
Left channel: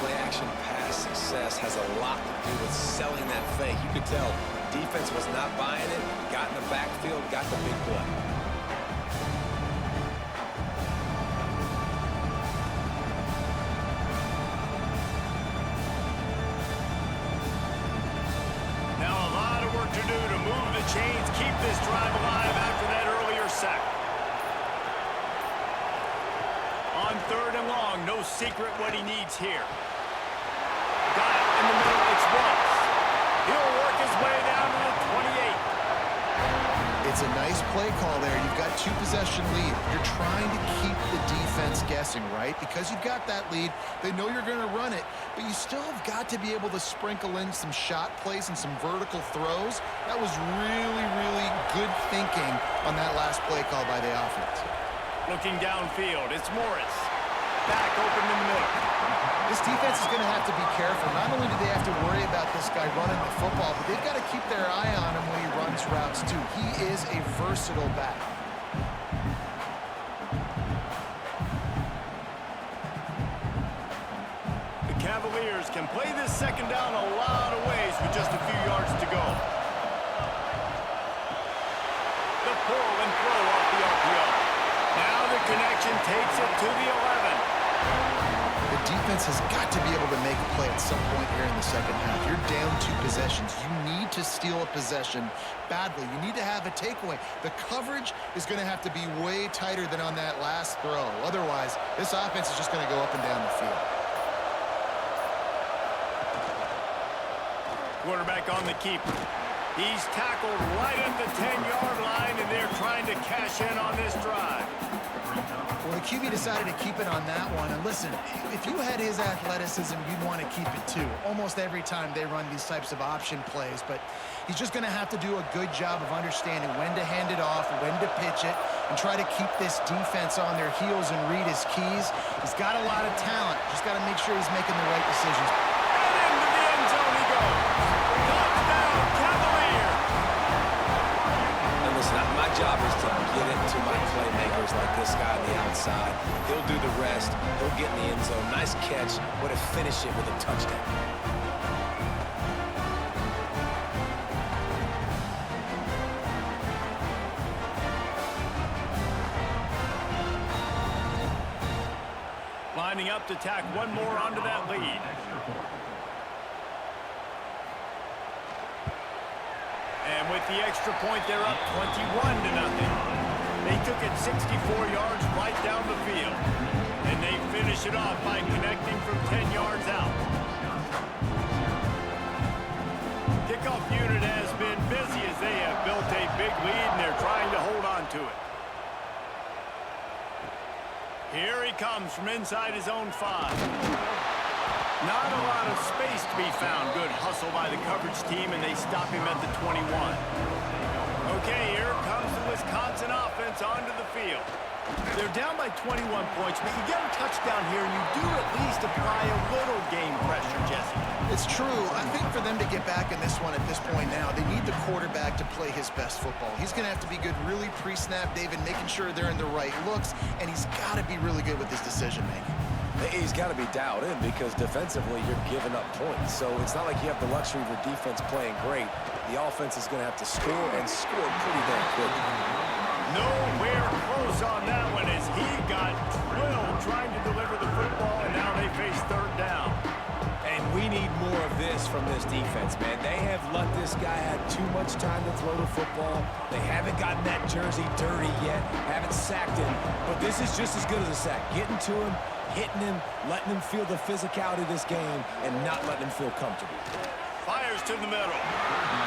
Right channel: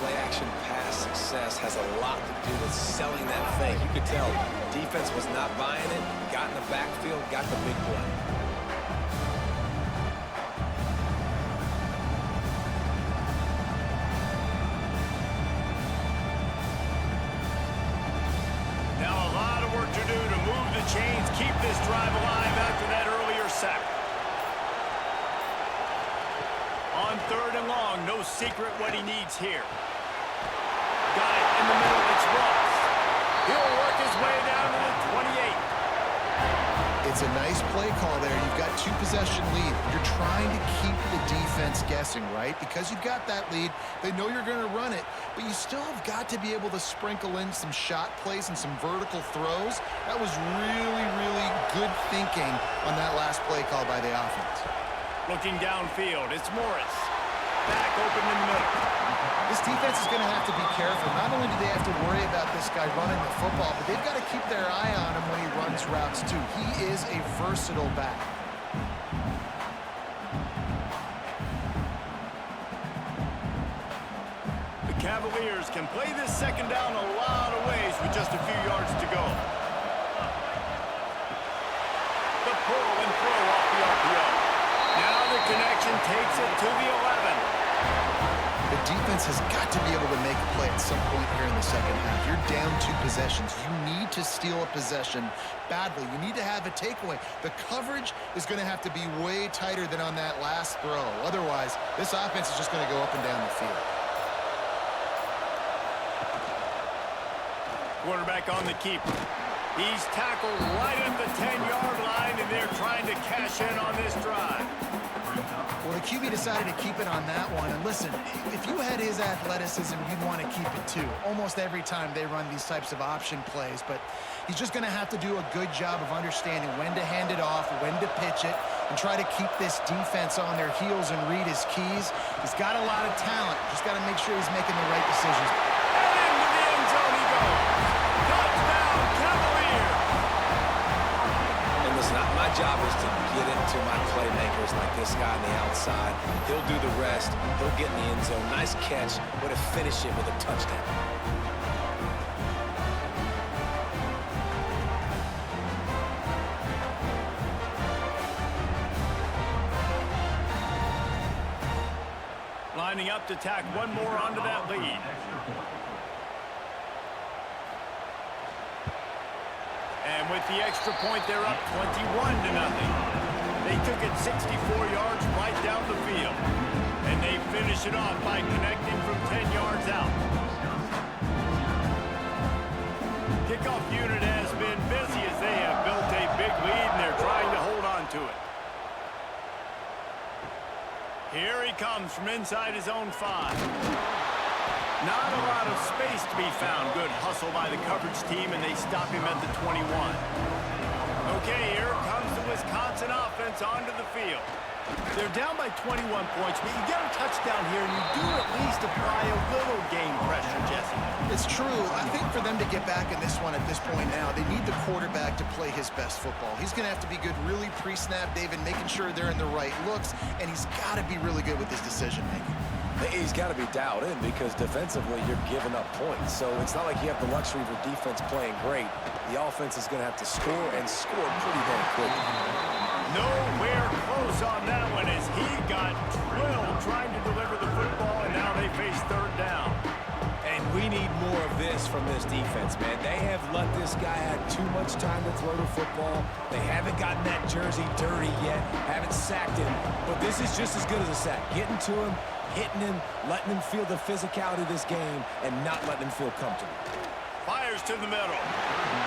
Play-action pass success has a lot to do with selling that fake. You could tell defense was not buying it, got in the backfield, got the big play. Now a lot of work to do to move the chains, keep this drive alive after that earlier sack. On 3rd and long, no secret what he needs here. Got it in the middle, it's Ross. He'll work his way down to the 28. It's a nice play call there. You've got 2-possession lead. You're trying to keep the defense guessing, right? Because you've got that lead, they know you're going to run it, but you still have got to be able to sprinkle in some shot plays and some vertical throws. That was really, really good thinking on that last play call by the offense. Looking downfield, it's Morris. Back open in the middle. This defense is going to have to be careful. Not only do they have to worry about this guy running the football, but they've got to keep their eye on him when he runs routes too. He is a versatile back. The Cavaliers can play this second down a lot of ways with just a few yards to go. The pull and throw off the RPO. Now the connection takes it to the 11. The defense has got to be able to make a play at some point here in the second half. You're down 2 possessions. You need to steal a possession badly. You need to have a takeaway. The coverage is going to have to be way tighter than on that last throw. Otherwise, this offense is just going to go up and down the field. Quarterback on the keeper. He's tackled right at the 10-yard line, and they're trying to cash in on this drive. Well, the QB decided to keep it on that one. And listen, if you had his athleticism, you'd want to keep it too. Almost every time they run these types of option plays. But he's just going to have to do a good job of understanding when to hand it off, when to pitch it, and try to keep this defense on their heels and read his keys. He's got a lot of talent. Just got to make sure he's making the right decisions. And into the end zone he goes. Touchdown, Cavaliers! And listen, my job is to get it to my playmakers like this guy on the outside. He'll do the rest. He'll get in the end zone. Nice catch. Way to finish it with a touchdown. Lining up to tack one more onto that lead. And with the extra point, they're up 21-0. They took it 64 yards right down the field. And they finish it off by connecting from 10 yards out. Kickoff unit has been busy as they have built a big lead, and they're trying to hold on to it. Here he comes from inside his own 5. Not a lot of space to be found. Good hustle by the coverage team, and they stop him at the 21. Okay, here comes the Wisconsin offense onto the field. They're down by 21 points, but you get a touchdown here, and you do at least apply a little game pressure, Jesse. It's true. I think for them to get back in this one at this point now, they need the quarterback to play his best football. He's going to have to be good really pre-snap, David, making sure they're in the right looks, and he's got to be really good with his decision-making. He's got to be dialed in because defensively you're giving up points. So it's not like you have the luxury of your defense playing great. The offense is going to have to score and score pretty dang quickly. Nowhere close on that one as he got drilled trying to deliver the football, and now they face third down. And we need more of this from this defense, man. They have let this guy have too much time to throw the football. They haven't gotten that jersey dirty yet, haven't sacked him. But this is just as good as a sack. Getting to him, hitting him, letting him feel the physicality of this game, and not letting him feel comfortable. Fires to the middle.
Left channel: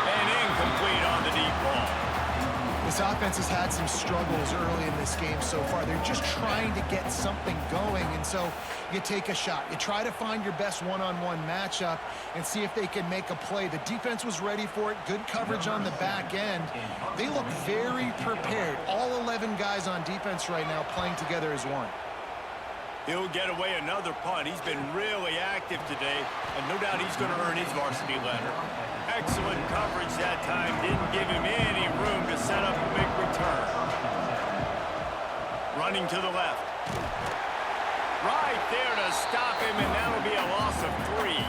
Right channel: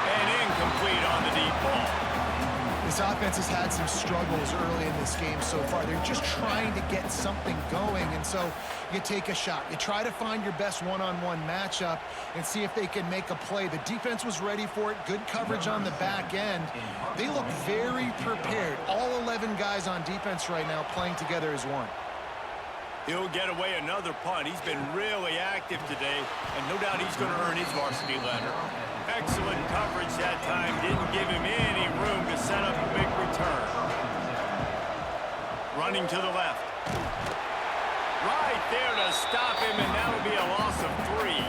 And incomplete on the deep ball. This offense has had some struggles early in this game so far. They're just trying to get something going, and so you take a shot. You try to find your best one-on-one matchup and see if they can make a play. The defense was ready for it. Good coverage on the back end. They look very prepared. All 11 guys on defense right now playing together as one. He'll get away another punt. He's been really active today, and no doubt he's going to earn his varsity letter. Excellent coverage that time. Didn't give him any room to set up a big return. Running to the left. Right there to stop him, and that'll be a loss of 3.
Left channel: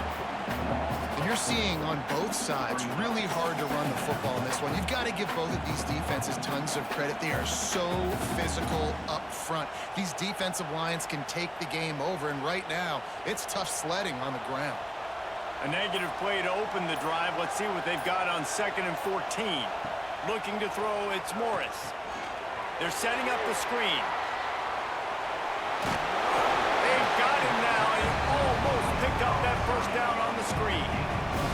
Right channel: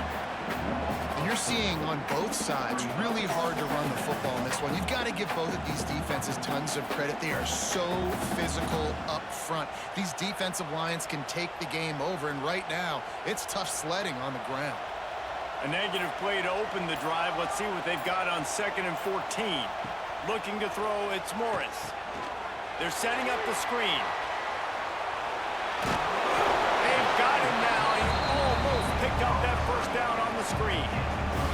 And you're seeing on both sides really hard to run the football in this one. You've got to give both of these defenses tons of credit. They are so physical up front. These defensive lines can take the game over, and right now it's tough sledding on the ground. A negative play to open the drive. Let's see what they've got on 2nd and 14. Looking to throw, it's Morris. They're setting up the screen. They've got him now. He almost picked up that first down on the screen.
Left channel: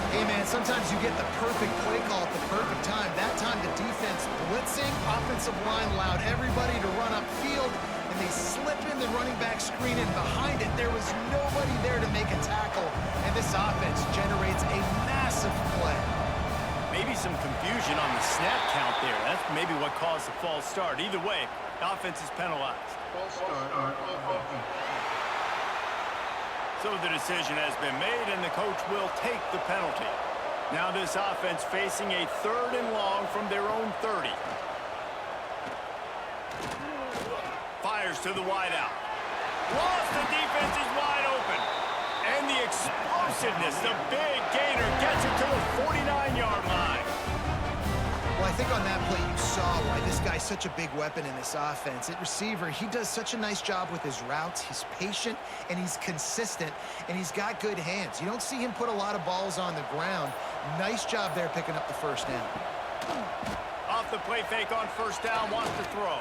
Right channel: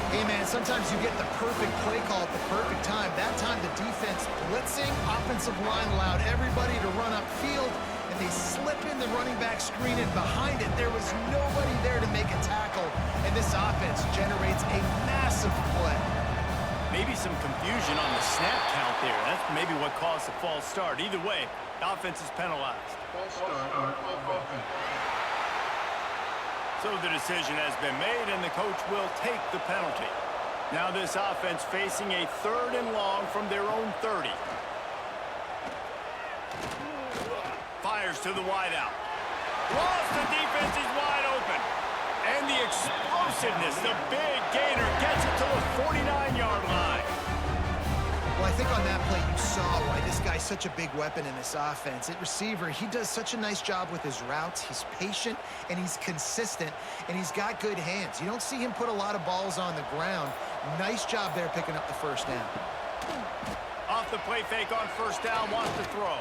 Hey, man, sometimes you get the perfect play call at the perfect time. That time the defense blitzing, offensive line allowed everybody to run upfield, and they slip in the running back screen, and behind it there was nobody there to make a tackle, and this offense generates a massive play. Maybe some confusion on the snap count there. That's maybe what caused the false start. Either way, the offense is penalized. False start on offense. So the decision has been made, and the coach will take the penalty. Now this offense facing a 3rd and long from their own 30. Fires to the wideout. Lost, the defense is wide open. And the explosiveness, the big gainer gets it to the 49-yard line. Well, I think on that play you saw why this guy's such a big weapon in this offense. At receiver, he does such a nice job with his routes. He's patient, and he's consistent, and he's got good hands. You don't see him put a lot of balls on the ground. Nice job there picking up the first down. Off the play fake on first down, wants to throw.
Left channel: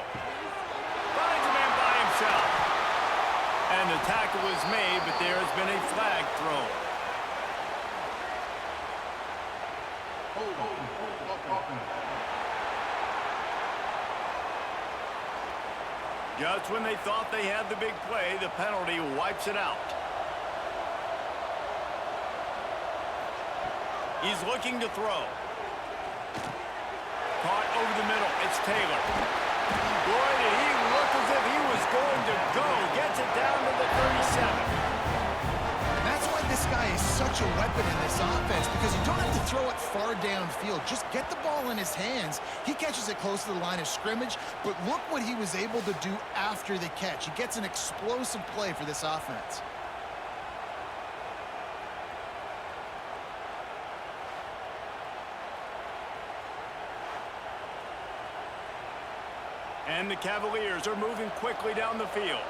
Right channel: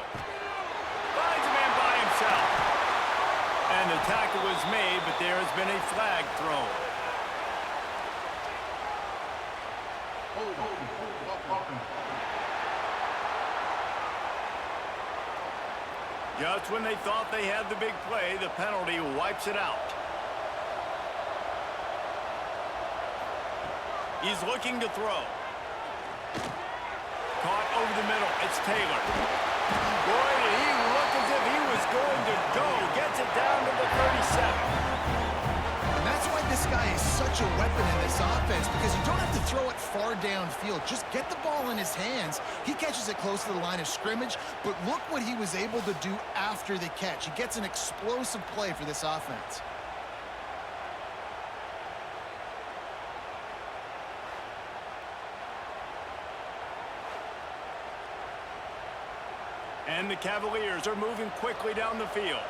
Finds a man by himself. And the tackle was made, but there has been a flag thrown. Just when they thought they had the big play, the penalty wipes it out. He's looking to throw. Caught over the middle. It's Taylor. Boy, did he look as if he was going to go. Gets it down to the 37. And that's why why this guy is such a weapon in this offense, because you don't have to throw it far downfield. Just get the ball in his hands. He catches it close to the line of scrimmage, but look what he was able to do after the catch. He gets an explosive play for this offense. And the Cavaliers are moving quickly down the field.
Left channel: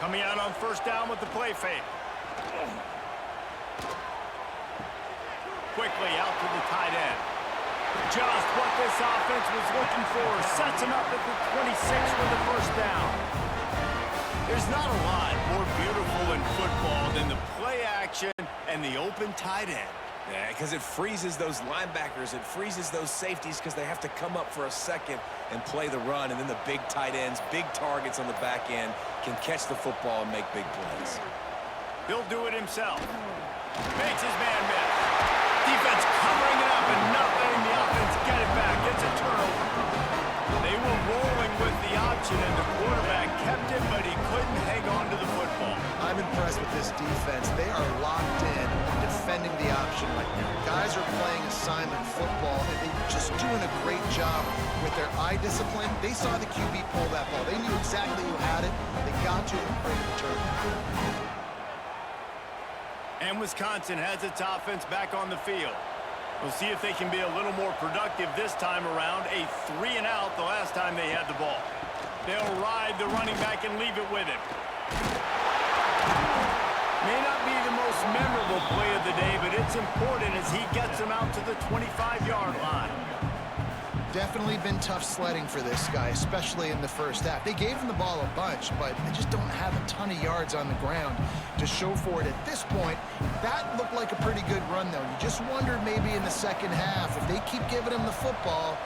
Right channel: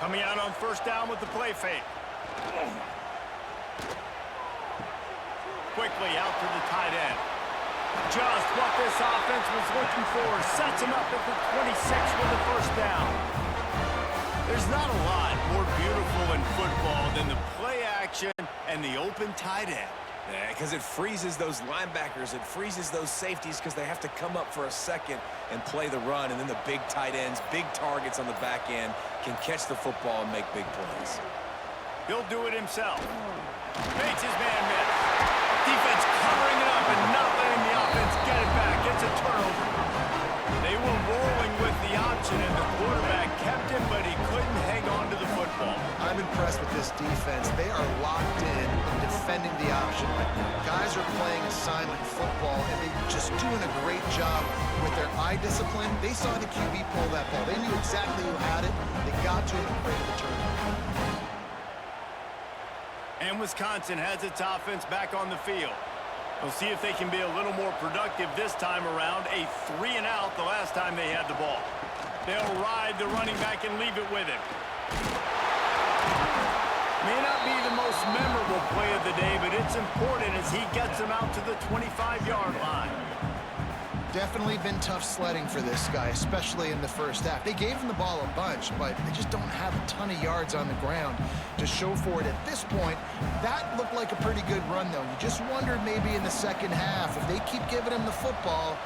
Coming out on first down with the play fake. Quickly out to the tight end. Just what this offense was looking for. Sets him up at the 26 with the first down. There's not a lot more beautiful in football than the play action and the open tight end. Yeah, because it freezes those linebackers. It freezes those safeties because they have to come up for a second and play the run. And then the big tight ends, big targets on the back end can catch the football and make big plays. He'll do it himself. Makes his man miss. Defense covering it up and not letting the offense get it back. It's a turnover. They were rolling with the option, and the quarterback kept it, but he couldn't hang on to the football. I'm impressed with this defense. They are locked in and defending the option right now. Guys are playing assignment football, and they're just doing a great job with their eye discipline. They saw the QB pull that ball. They knew exactly who had it. They got to him and created the turnover. And Wisconsin has its offense back on the field. We'll see if they can be a little more productive this time around. A 3-and-out the last time they had the ball. They'll ride the running back and leave it with him. May not be the most memorable play of the day, but it's important as he gets them out to the 25-yard line. Definitely been tough sledding for this guy, especially in the first half. They gave him the ball a bunch, but they just don't have a ton of yards on the ground to show for it at this point. That looked like a pretty good run, though. You just wonder maybe in the second half, if they keep giving him the football,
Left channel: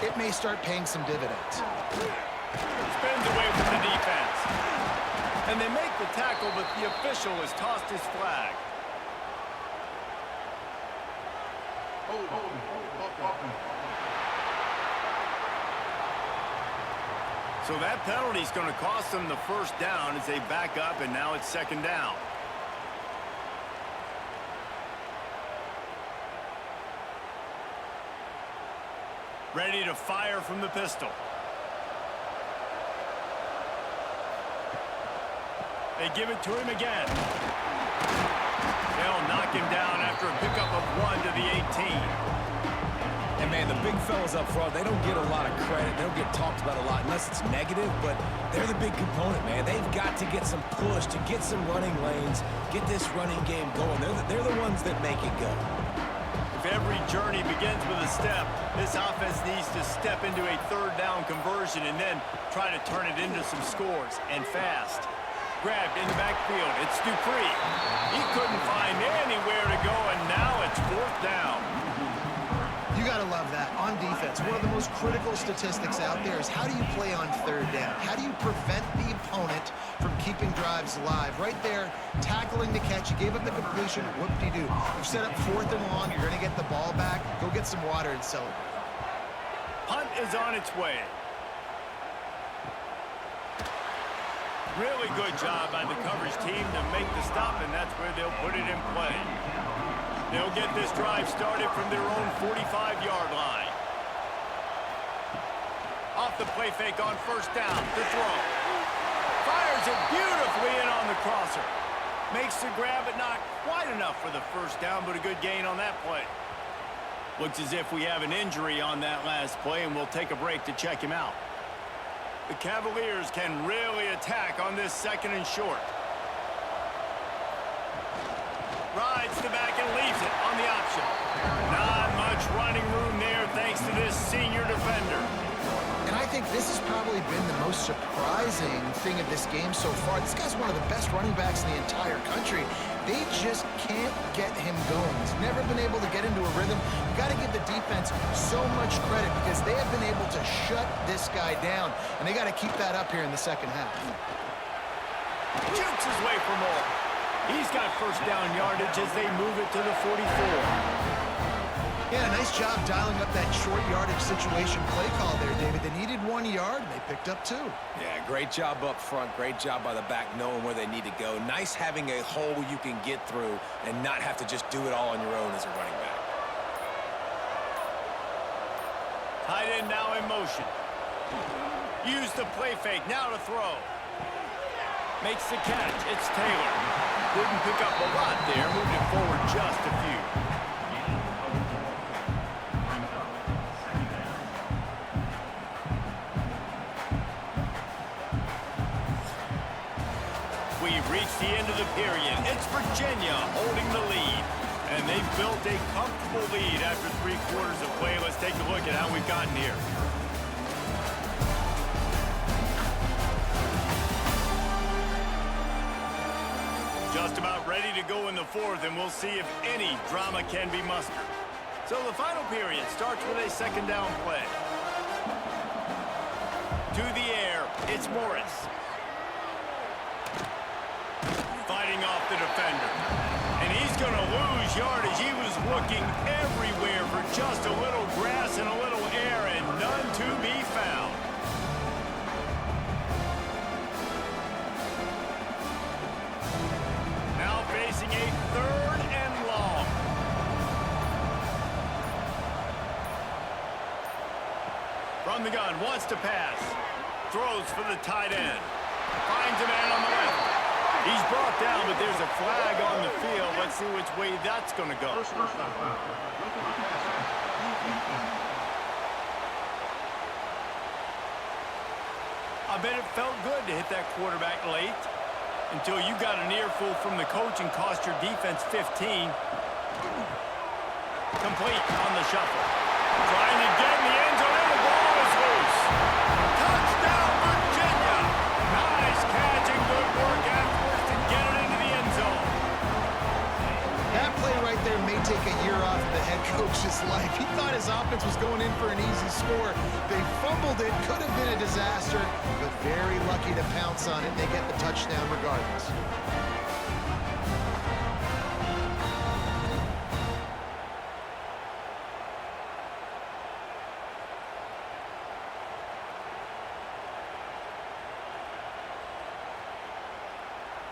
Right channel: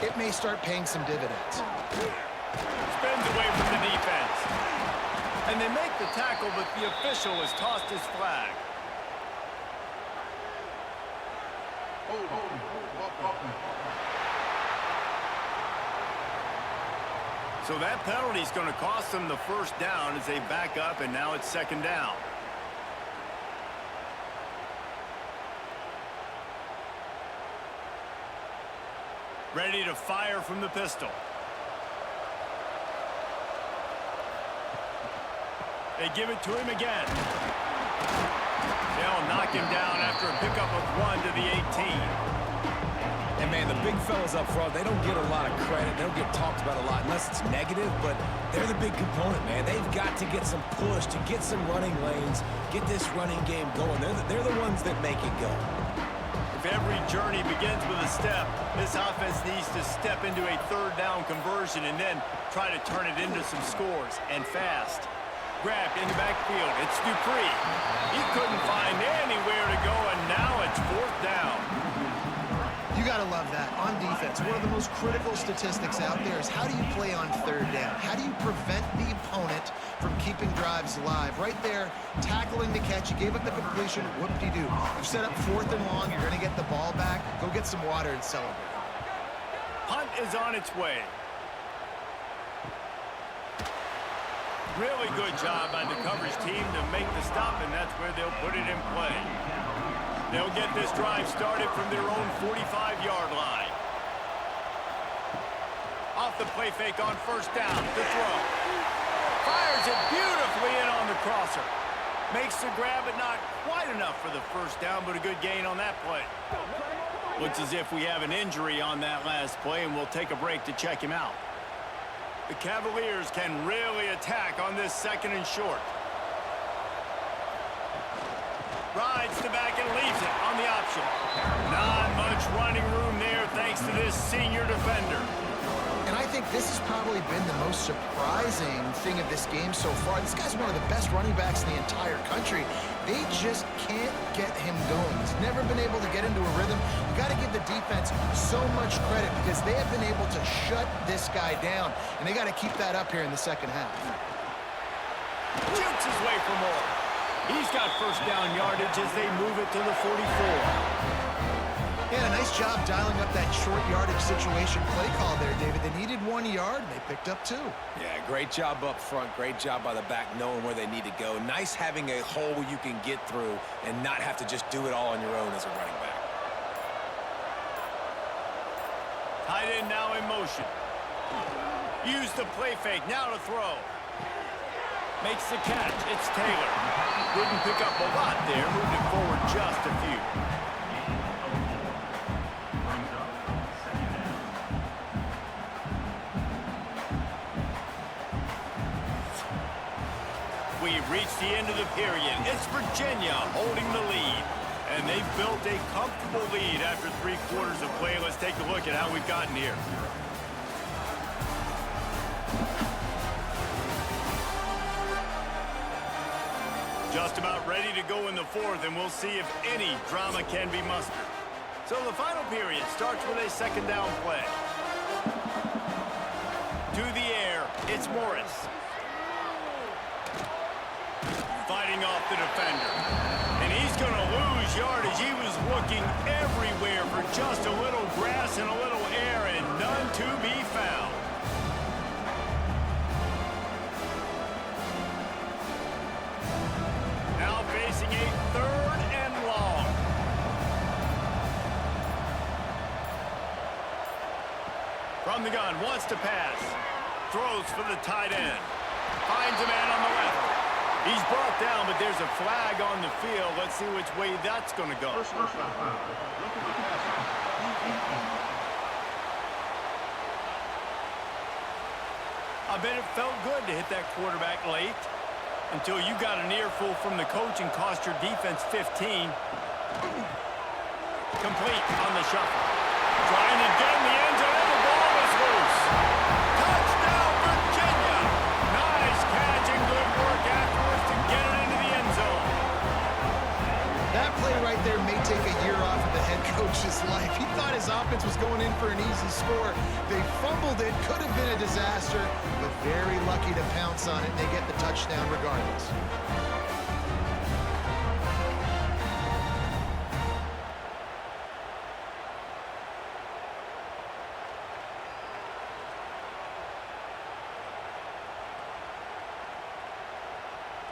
it may start paying some dividends. Spins away from the defense. And they make the tackle, but the official has tossed his flag. So that penalty is going to cost them the first down as they back up, and now it's second down. Ready to fire from the pistol. They give it to him again. They'll knock him down after a pickup of 1 to the 18. And, man, the big fellas up front, they don't get a lot of credit. They don't get talked about a lot unless it's negative, but they're the big component, man. They've got to get some push, to get some running lanes, get this running game going. They're the ones that make it go. If every journey begins with a step, this offense needs to step into a third down conversion and then try to turn it into some scores, and fast. Grabbed in the backfield. It's Dupree. He couldn't find anywhere to go, and now it's fourth down. You got to love that. On defense, one of the most critical statistics out there is how do you play on third down? How do you prevent the opponent from keeping drives alive? Right there, tackling the catch. You gave up the completion. Whoop-de-doo. You've set up fourth and long. You're going to get the ball back. Go get some water and celebrate. Punt is on its way. Really good job by the coverage team to make the stop, and that's where they'll put it in play. They'll get this drive started from their own 45-yard line. Off the play fake on first down to throw. Fires it beautifully in on the crosser. Makes the grab, but not quite enough for the first down, but a good gain on that play. Looks as if we have an injury on that last play, and we'll take a break to check him out. The Cavaliers can really attack on this second and short. Rides the back and leaves it on the option. Not much running room there thanks to this senior defender. And I think this has probably been the most surprising thing of this game so far. This guy's one of the best running backs in the entire country. They just can't get him going. He's never been able to get into a rhythm. You got to give the defense so much credit because they have been able to shut this guy down, and they got to keep that up here in the second half. Jukes his way for more. He's got first down yardage as they move it to the 44. Yeah, a nice job dialing up that short yardage situation play call there, David. They needed 1 yard, and they picked up 2. Yeah, great job up front. Great job by the back knowing where they need to go. Nice having a hole you can get through and not have to just do it all on your own as a running back. Tight end now in motion. Use the play fake. Now to throw. Makes the catch. It's Taylor. Didn't pick up a lot there. Moved it forward just a few. We've reached the end of the period. It's Virginia holding the lead. And they've built a comfortable lead after 3 quarters of play. Let's take a look at how we've gotten here. Just about ready to go in the 4th, and we'll see if any drama can be mustered. So the final period starts with a 2nd down play. To the air, it's Morris. Fighting off the defender. And he's going to lose yardage. He was looking everywhere for just a little grass and a little air, and none to be found. Now facing a 3rd and long. From the gun, wants to pass. Throws for the tight end. Finds a man on the left. He's brought down, but there's a flag on the field. Let's see which way that's going to go. I bet it felt good to hit that quarterback late until you got an earful from the coach and cost your defense 15. Complete on the shuffle. Trying to get in the end zone, and the ball is loose. Touchdown, Virginia! Nice catch and good work afterwards to get it into the end zone. That play right there may take a year off of the head coach's life. He thought his offense was going in for an easy score. They fumbled it, could have been a disaster, but very lucky to pounce on it. They get the touchdown regardless.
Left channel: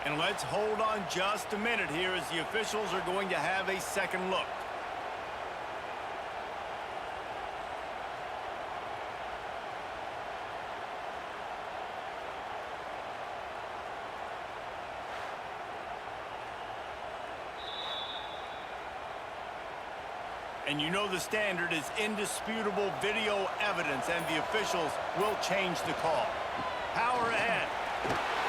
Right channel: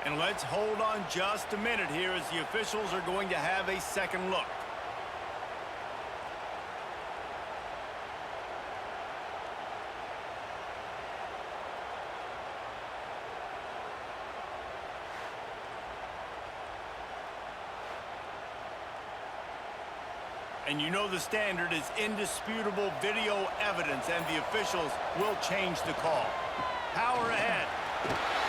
And let's hold on just a minute here as the officials are going to have a second look. And you know the standard is indisputable video evidence, and the officials will change the call. Power ahead.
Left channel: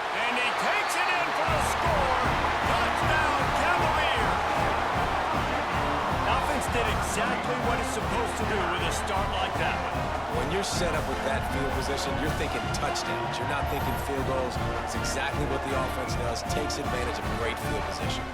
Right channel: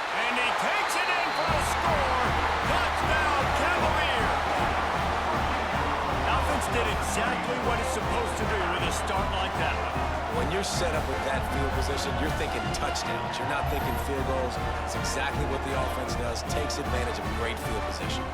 And he takes it in for the score. Touchdown, Cavaliers. Offense did exactly what it's supposed to do with a start like that one. When you're set up with that field position, you're thinking touchdowns. You're not thinking field goals. It's exactly what the offense does. Takes advantage of great field position.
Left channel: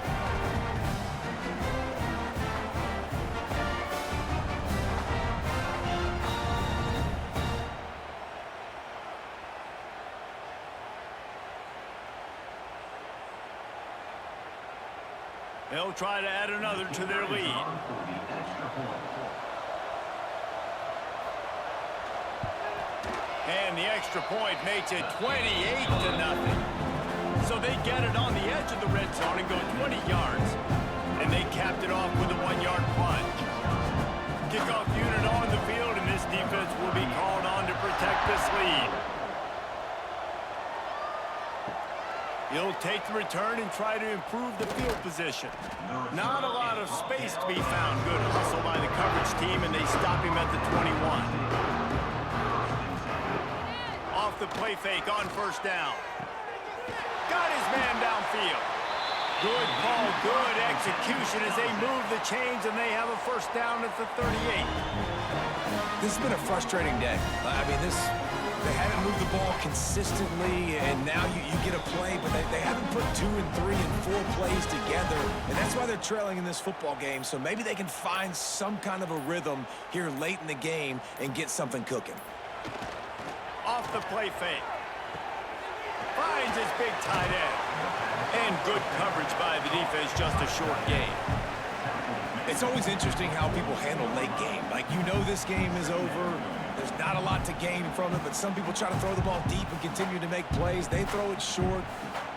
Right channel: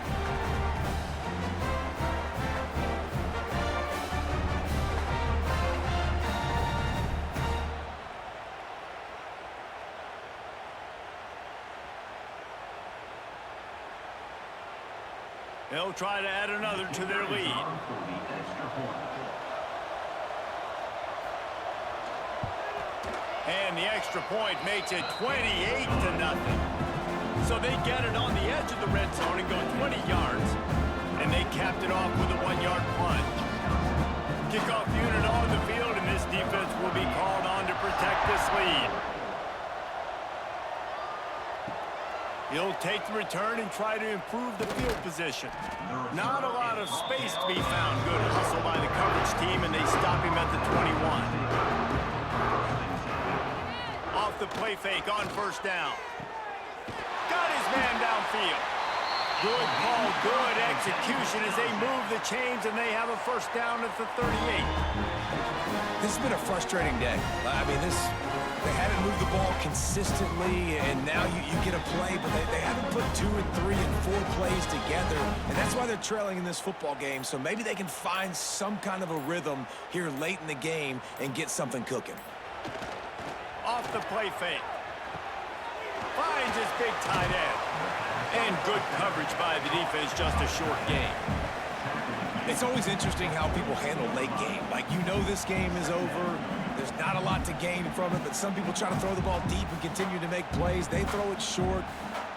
They'll try to add another to their lead. And the extra point makes it 28-0. So they get it on the edge of the red zone and go 20 yards. And they capped it off with a 1-yard plunge. Kickoff unit on the field, and this defense will be called on to protect this lead. He'll take the return and try to improve the field position. Not a lot of space to be found. Good hustle by the coverage team, and they stop him at the 21. Off the play fake on 1st down. Got his man downfield. Good call, good execution as they move the chains, and they have a 1st down at the 38. This has been a frustrating day. I mean, they haven't moved the ball consistently, and now you get a play, but they haven't put 2 and 3 and 4 plays together, and that's why they're trailing in this football game. So maybe they can find some kind of a rhythm here late in the game and get something cooking. Off the play fake. Finds his big tight end. And good coverage by the defense, just a short gain. It's always interesting how people handle late game. Like, you know this game is over. There's not a lot to gain from it, but some people try to throw the ball deep and continue to make plays. They throw it short.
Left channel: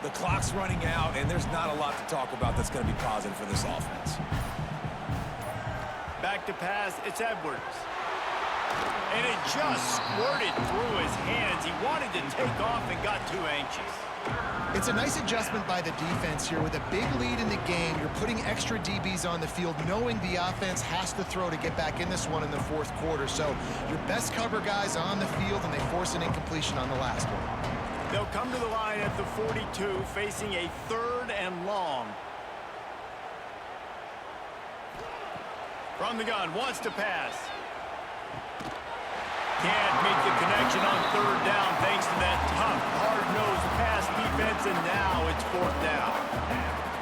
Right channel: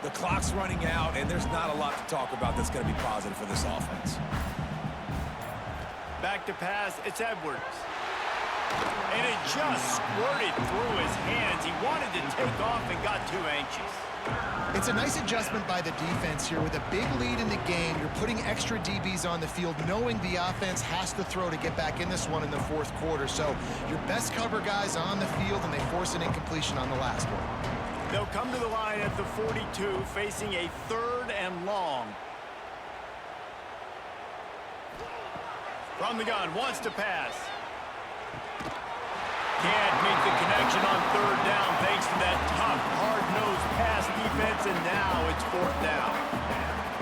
The clock's running out, and there's not a lot to talk about that's going to be positive for this offense. Back to pass, it's Edwards. And it just squirted through his hands. He wanted to take off and got too anxious. It's a nice adjustment by the defense here. With a big lead in the game, you're putting extra DBs on the field, knowing the offense has to throw to get back in this one in the fourth quarter. So your best cover guys on the field, and they force an incompletion on the last one. They'll come to the line at the 42, facing a 3rd and long. From the gun, wants to pass. Can't make the connection on 3rd down thanks to that tough, hard-nosed pass defense, and now it's 4th down.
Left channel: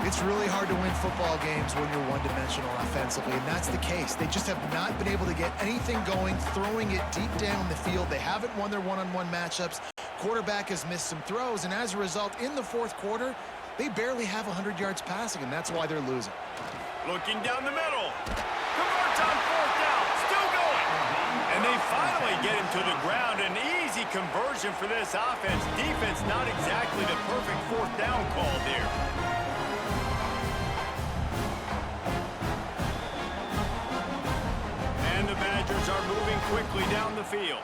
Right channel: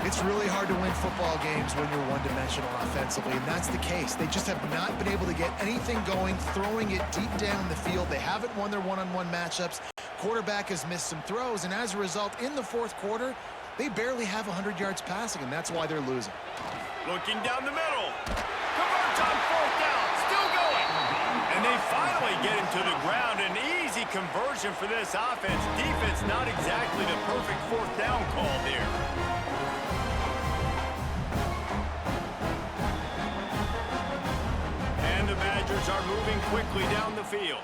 It's really hard to win football games when you're one-dimensional offensively, and that's the case. They just have not been able to get anything going, throwing it deep down the field. They haven't won their one-on-one matchups. Quarterback has missed some throws, and as a result, in the fourth quarter, they barely have 100 yards passing, and that's why they're losing. Looking down the middle. Converts on 4th down. Still going. And they finally get him to the ground. An easy conversion for this offense. Defense not exactly the perfect 4th down call there. And the Badgers are moving quickly down the field.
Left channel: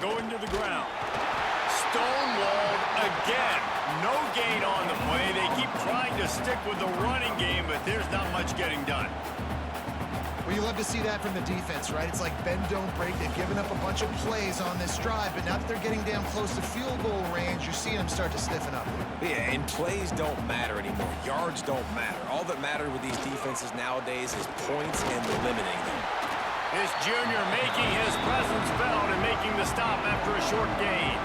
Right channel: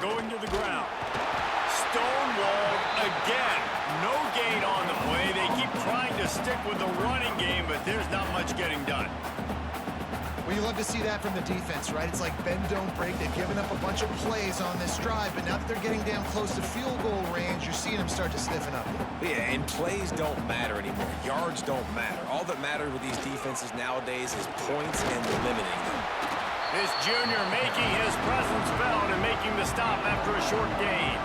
Going to the ground. Stonewalled again. No gain on the play. They keep trying to stick with the running game, but there's not much getting done. Well, you love to see that from the defense, right? It's like bend, don't break. They've given up a bunch of plays on this drive, but now that they're getting down close to field goal range, you're seeing them start to stiffen up there. Yeah, and plays don't matter anymore. Yards don't matter. All that matters with these defenses nowadays is points and limiting them. This junior making his presence felt and making the stop after a short gain.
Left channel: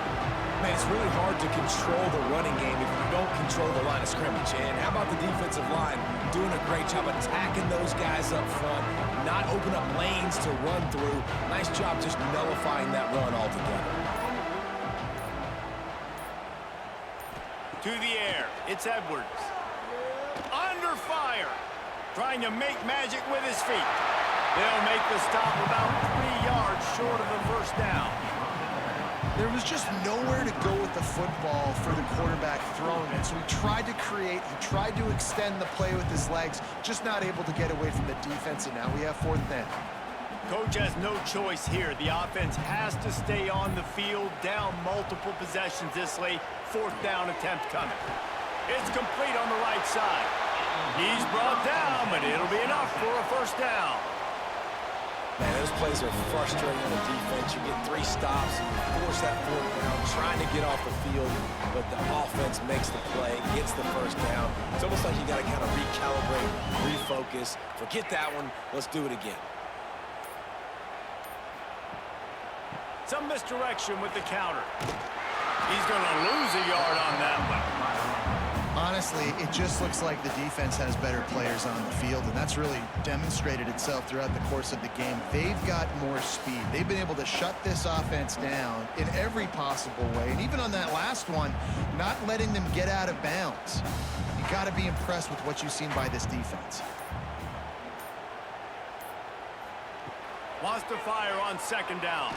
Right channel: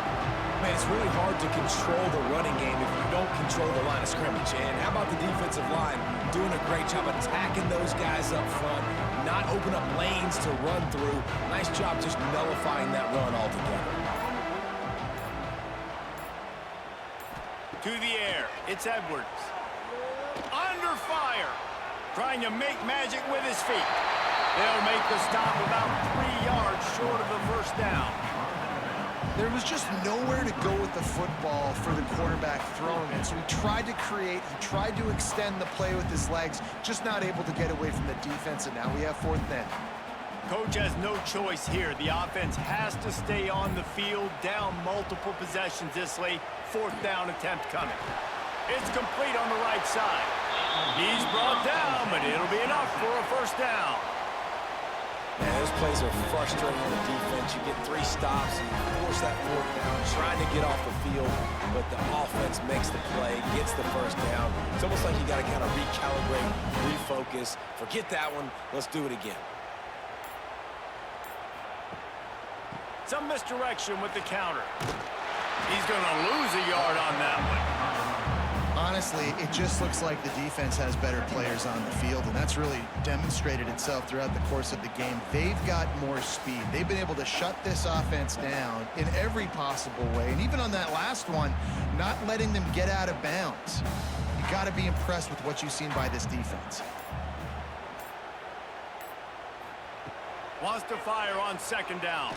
Man, it's really hard to control the running game if you don't control the line of scrimmage. And how about the defensive line doing a great job attacking those guys up front, not open up lanes to run through. Nice job just nullifying that run altogether. To the air, it's Edwards. Under fire, trying to make magic with his feet. They'll make the stop about 3 yards short of the 1st down. There was just nowhere to go with the football for the quarterback throwing it. So he tried to create, he tried to extend the play with his legs, just not able to get away from the defense, and now we have 4th down. Coach has no choice here. The offense has to stay on the field, down multiple possessions this late. 4th down attempt coming. It's complete on the right side. He's brought down, but it'll be enough for a 1st down. Man, those plays are frustrating on the defense. You get 3 stops, and you force that 4th down, trying to get off the field, but the offense makes the play, gets the 1st down. It's almost like you got to kind of recalibrate, refocus. Forget that one. Let's do it again. Some misdirection with the counter. He's going to lose a yard on that one. Honestly, it just looks like the defense has better players on the field, and that's really demonstrated itself throughout the course of the game. They've got more speed. They've been able to shut this offense down in every possible way, and even on that last one, not letting them get out of bounds. You got to be impressed with what you've seen by this defense. Wants to fire on 2nd down.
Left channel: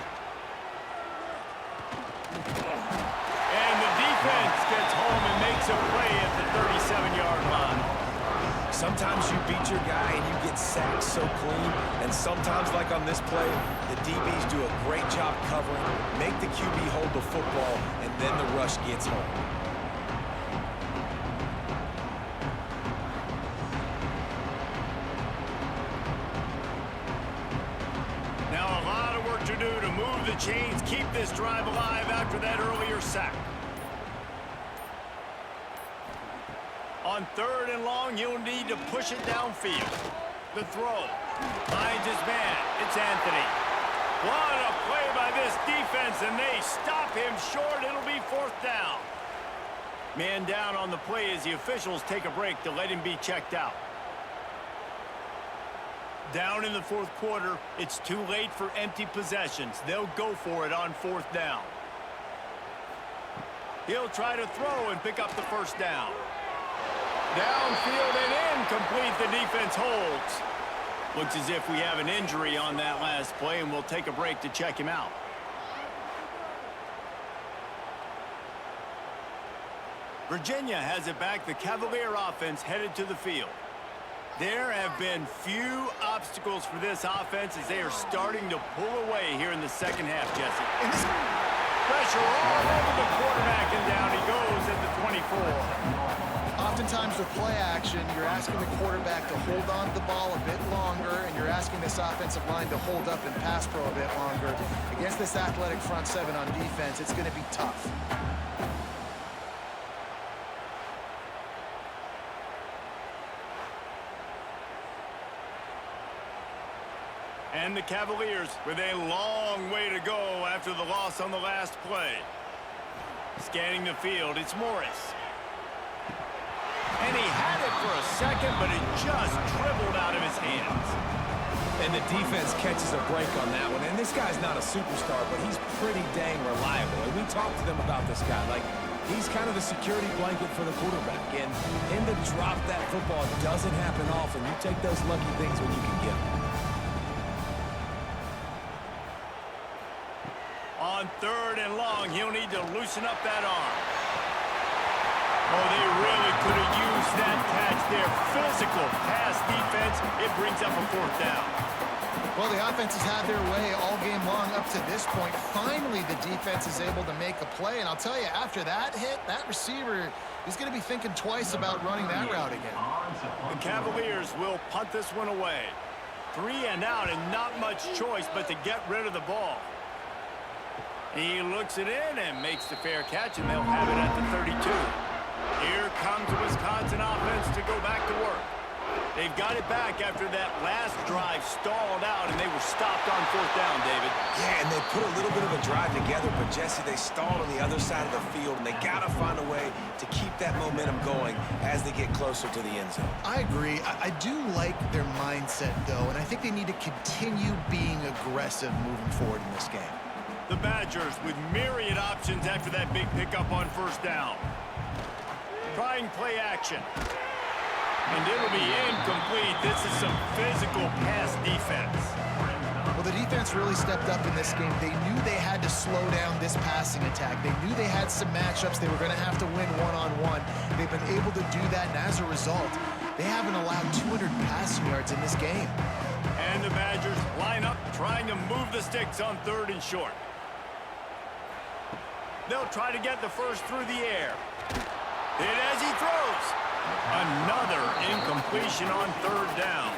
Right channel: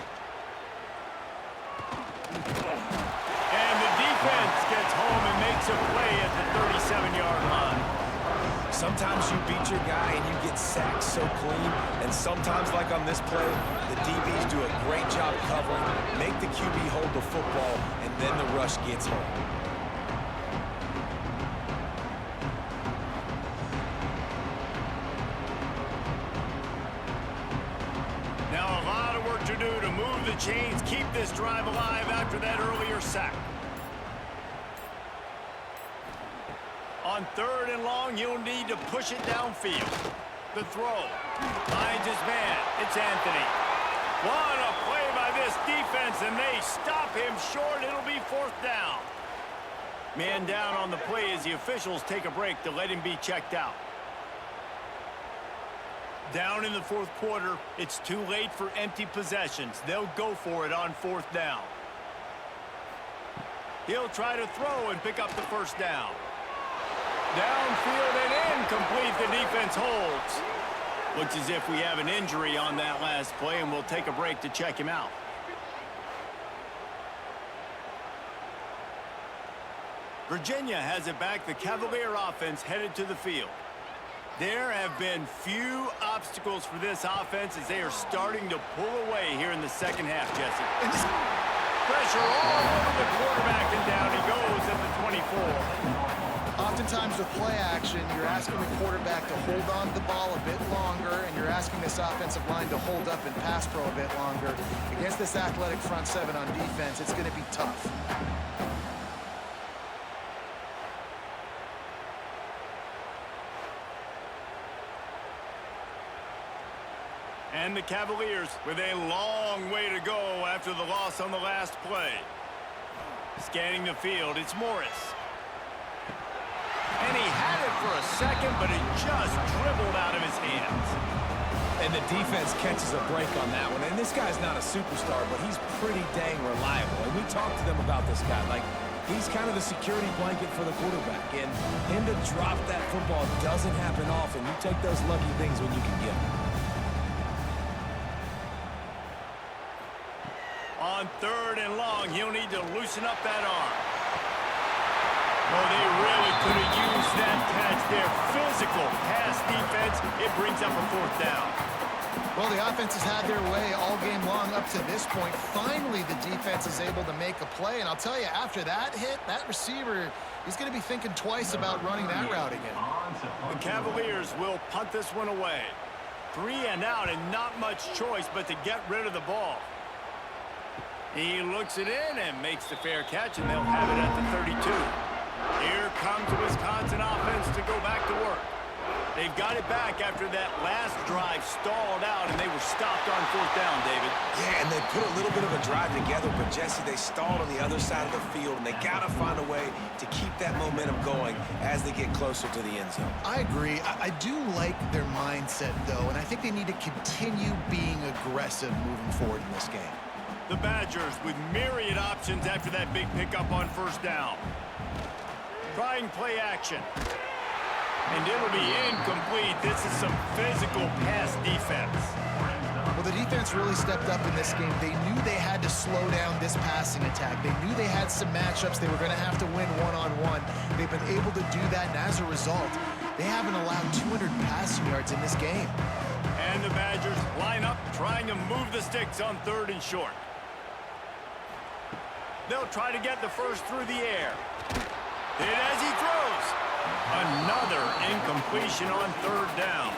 And the defense gets home and makes a play at the 37-yard line. Sometimes you beat your guy and you get sacked so clean, and sometimes, like on this play, the DBs do a great job covering, make the QB hold the football, and then the rush gets home. Now a lot of work to do to move the chains, keep this drive alive after that earlier sack. On 3rd and long, he'll need to push it downfield. The throw. Finds his man. It's Anthony. What a play by this defense, and they stop him short. It'll be 4th down. Man down on the play as the officials take a break to let him be checked out. Down in the 4th quarter, it's too late for empty possessions. They'll go for it on 4th down. He'll try to throw and pick up the first down. Downfield and incomplete. The defense holds. Looks as if we have an injury on that last play, and we'll take a break to check him out. Virginia has it back. The Cavalier offense headed to the field. There have been few obstacles for this offense as they are starting to pull away here in the second half, Jesse. Pressure all over the quarterback, and down he goes at the 24. Oftentimes with play action, you're asking the quarterback to hold on to the ball a bit longer, and you're asking this offensive line to hold up and pass pro a bit longer. Against this athletic front seven on defense, it's going to be tough. And the Cavaliers with a long way to go after the loss on the last play. Scanning the field, it's Morris. And he had it for a second, but it just dribbled out of his hands. And the defense catches a break on that one. And this guy's not a superstar, but he's pretty dang reliable. And we talked to them about this guy. Like, he's kind of the security blanket for the quarterback. And him to drop that football doesn't happen often. You take those lucky things when you can get them. On 3rd and long, he'll need to loosen up that arm. Oh, they really could have used that catch there. Physical pass defense. It brings up a 4th down. Well, the offense has had their way all game long up to this point. Finally, the defense is able to make a play. And I'll tell you, after that hit, that receiver, he's going to be thinking twice about running that route again. The Cavaliers will punt this one away. 3 and out, and not much choice but to get rid of the ball. He looks it in and makes the fair catch, and they'll have it at the 32. Here comes the Wisconsin offense to go back to work. They've got it back after that last drive stalled out, and they were stopped on 4th down, David. Yeah, and they put a little bit of a drive together, but, Jesse, they stalled on the other side of the field, and they got to find a way to keep that momentum going as they get closer to the end zone. I agree. I do like their mindset, though, and I think they need to continue being aggressive moving forward in this game. The Badgers with myriad options after that big pickup on 1st down. Trying play action. And it'll be incomplete. This is some physical pass defense. Well, the defense really stepped up in this game. They knew they had to slow down this passing attack. They knew they had some matchups they were going to have to win one-on-one. They've been able to do that, and as a result, they haven't allowed 200 passing yards in this game. And the Badgers line up trying to move the sticks on 3rd and short. They'll try to get the first through the air. Hit as he throws. Another incompletion on 3rd down.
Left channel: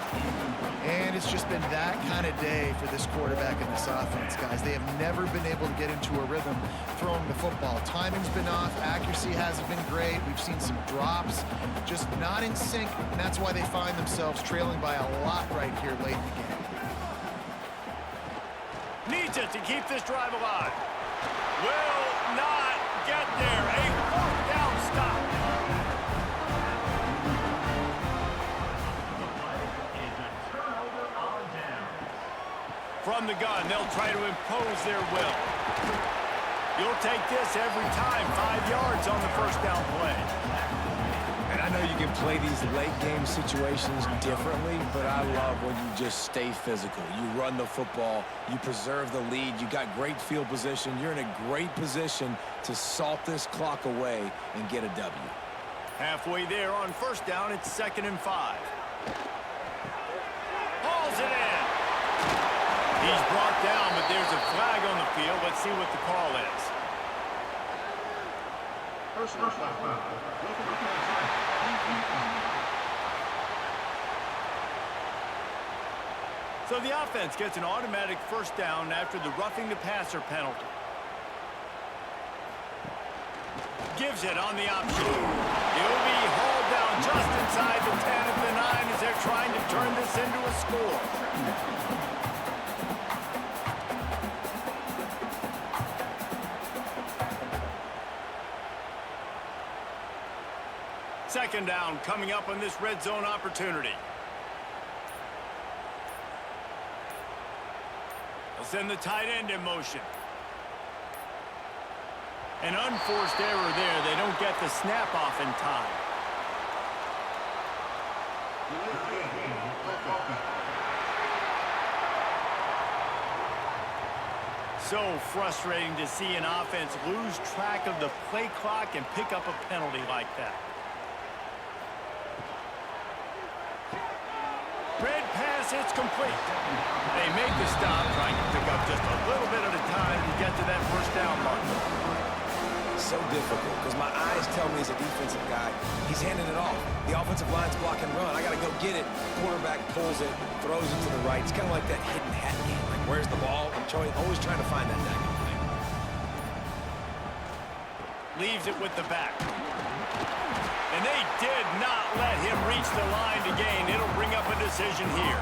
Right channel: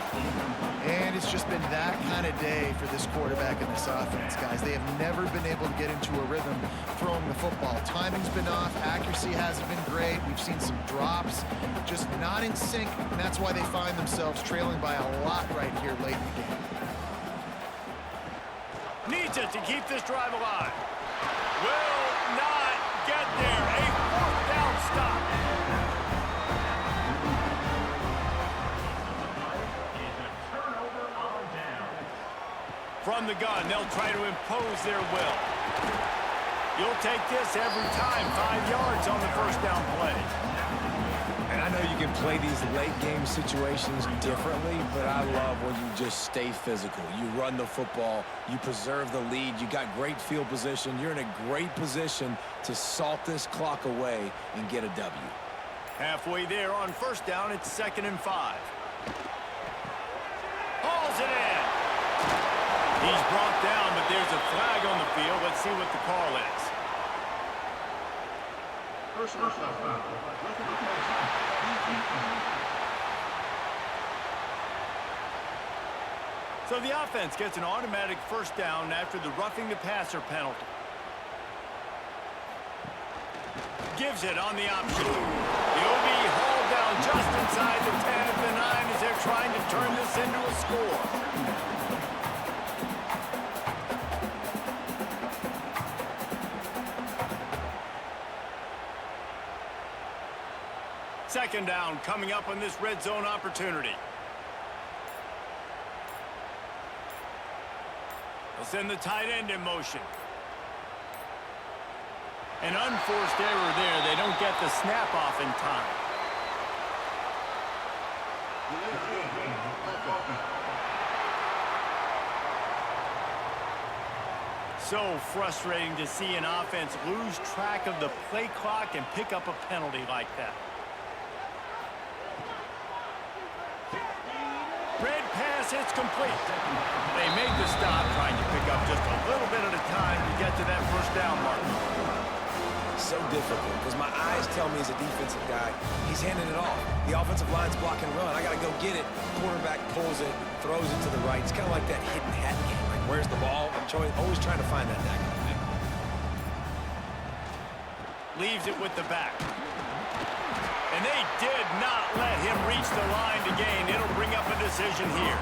And it's just been that kind of day for this quarterback and this offense, guys. They have never been able to get into a rhythm throwing the football. Timing's been off. Accuracy hasn't been great. We've seen some drops, just not in sync, and that's why they find themselves trailing by a lot right here late in the game. Needs it to keep this drive alive. Will not get there. A 4th down stop. From the gun, they'll try to impose their will. You'll take this every time. 5 yards on the 1st down play. And I know you can play these late-game situations differently, but I love when you just stay physical. You run the football, you preserve the lead, you got great field position, you're in a great position to salt this clock away and get a W. Halfway there on 1st down, it's 2nd and 5. Hauls it in. He's brought down, but there's a flag on the field. Let's see what the call is. Personal foul. Roughing the passer. So the offense gets an automatic 1st down after the roughing the passer penalty. Gives it on the option. He'll be hauled down just inside the 10 at the 9 as they're trying to turn this into a score. Second down coming up on this red zone opportunity. They'll send the tight end in motion. An unforced error there. They don't get the snap off in time. So frustrating to see an offense lose track of the play clock and pick up a penalty like that. Red pass, it's complete. They make the stop, trying to pick up just a little bit at a time to get to that first down mark. So difficult because my eyes tell me as a defensive guy, he's handing it off. The offensive line's block and run. I got to go get it. Quarterback pulls it, throws it to the right. It's kind of like that hidden hat game. Like, where's the ball? I'm always trying to find that daggone thing. Leaves it with the back. And they did not let him reach the line to gain. It'll bring up a decision here.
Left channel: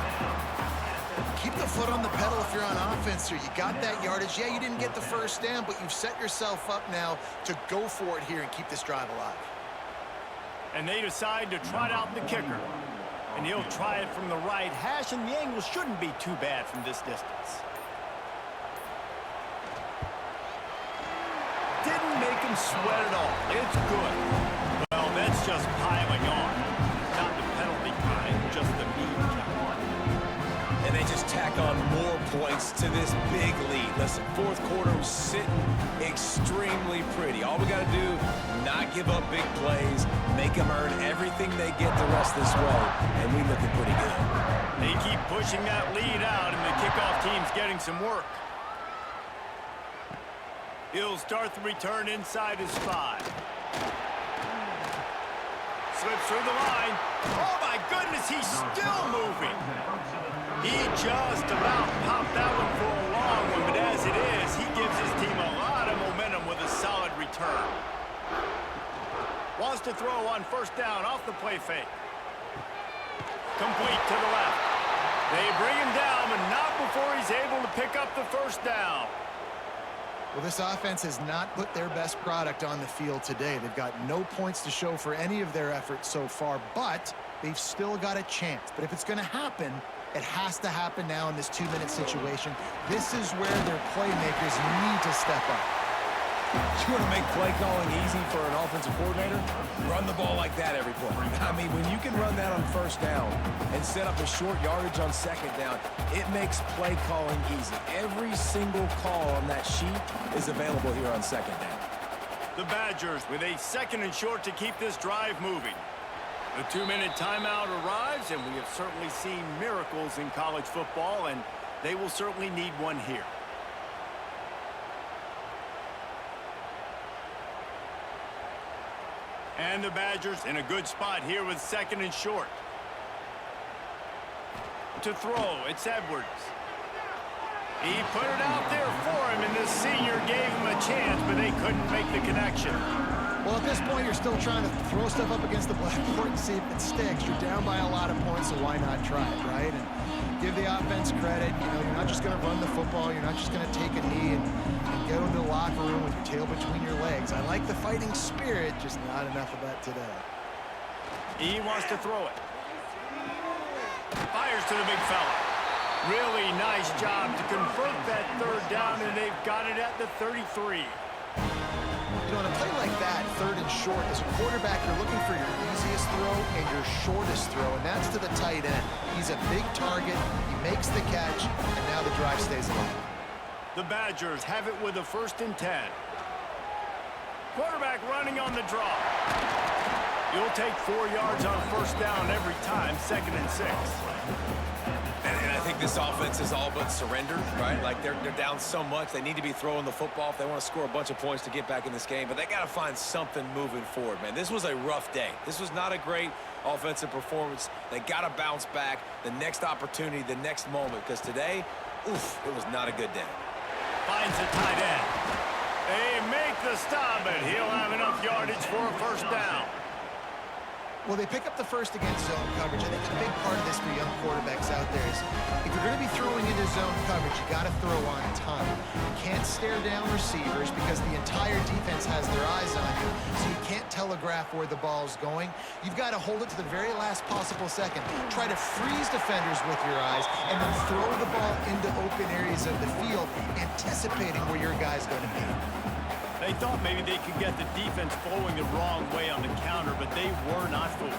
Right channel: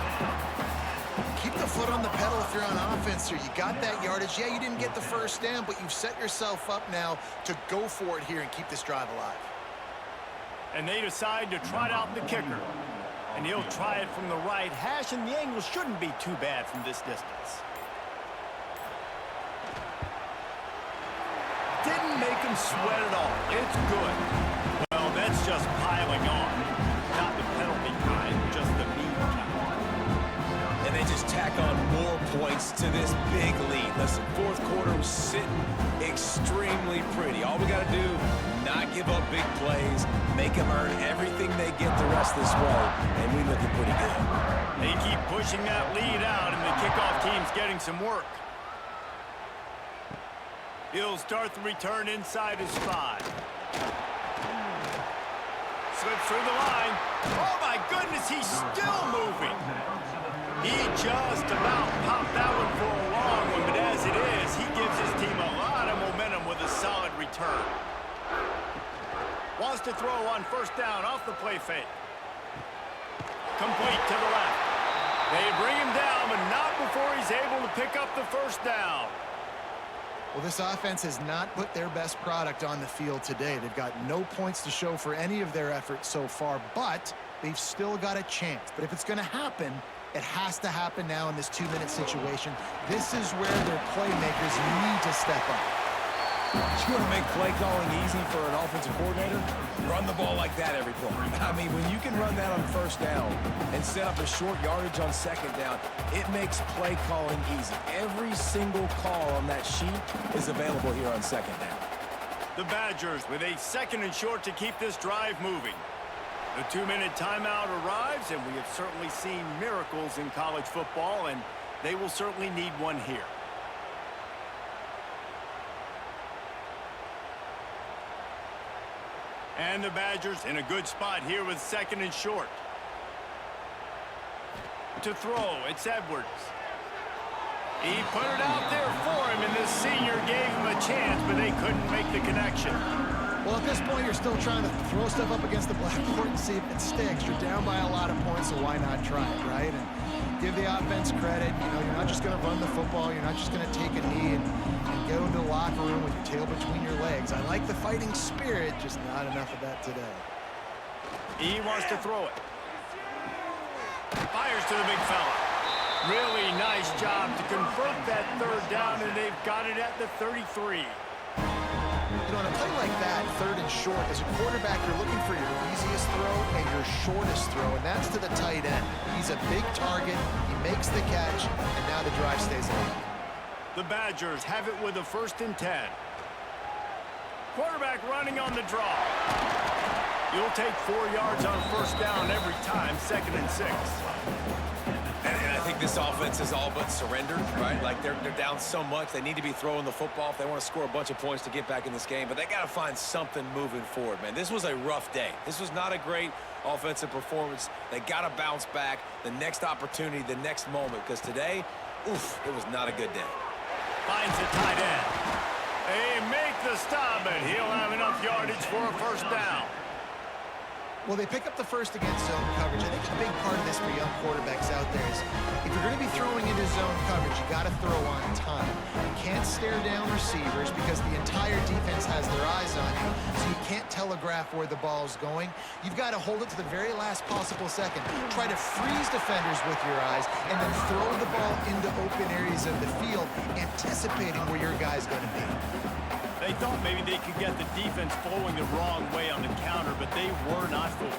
Keep the foot on the pedal if you're on offense here. You got that yardage. Yeah, you didn't get the first down, but you've set yourself up now to go for it here and keep this drive alive. And they decide to trot out the kicker. And he'll try it from the right hash, and the angle shouldn't be too bad from this distance. Didn't make him sweat at all. It's good. Well, that's just piling on. Not the penalty kind, just the mean kind. And they just tack on more points to this big lead. Listen, fourth quarter was sitting extremely pretty. All we got to do, not give up big plays, make them earn everything they get the rest this way, and we looking pretty good. They keep pushing that lead out, and the kickoff team's getting some work. He'll start the return inside his 5. Slips through the line. Oh, my goodness, he's still moving. He just about popped that one for a long one, but as it is, he gives his team a lot of momentum with a solid return. Wants to throw on first down off the play fake. Complete to the left. They bring him down, but not before he's able to pick up the first down. Well, this offense has not put their best product on the field today. They've got no points to show for any of their efforts so far, but they've still got a chance. But if it's going to happen, it has to happen now in this 2-minute situation. This is where their playmakers need to step up. You want to make play calling easy for an offensive coordinator? Run the ball like that every play. I mean, when you can run that on first down and set up a short yardage on second down, it makes play calling easy. Every single call on that sheet is available here on second down. The Badgers with a 2nd and short to keep this drive moving. The 2-minute timeout arrives, and we have certainly seen miracles in college football, and they will certainly need one here. And the Badgers in a good spot here with 2nd and short. To throw, it's Edwards. He put it out there for him, and this senior gave him a chance, but they couldn't make the connection. Well, at this point, you're still trying to throw stuff up against the blackboard and see if it sticks. You're down by a lot of points, so why not try it, right? And give the offense credit. You know, you're not just going to run the football. You're not just going to take a knee and go into the locker room with your tail between your legs. I like the fighting spirit, just not enough of that today. He wants to throw it. Fires to the big fella. Really nice job to convert that 3rd down, and they've got it at the 33. You know, on a play like that, 3rd and short, as a quarterback, you're looking for your easiest throw and your shortest throw, and that's to the tight end. He's a big target, he makes the catch, and now the drive stays alive. The Badgers have it with a 1st and 10. Quarterback running on the draw. You'll take 4 yards on first down every time, 2nd and 6. And I think this offense is all but surrendered, right? Like they're down so much, they need to be throwing the football if they want to score a bunch of points to get back in this game. But they got to find something moving forward, man. This was a rough day. This was not a great offensive performance. They got to bounce back the next opportunity, the next moment, because today, oof, it was not a good day. Finds the tight end. They make the stop, and he'll have enough yardage for a first down. Well, they pick up the first against zone coverage. I think a big part of this for young quarterbacks out there is if you're going to be throwing into zone coverage, you got to throw on time. You can't stare down receivers because the entire defense has their eyes on you, so you can't telegraph where the ball's going. You've got to hold it to the very last possible second. Try to freeze defenders with your eyes and then throw the ball into open areas of the field, anticipating where your guy's going to be. They thought maybe they could get the defense flowing the wrong way on the counter, but they were not fooled.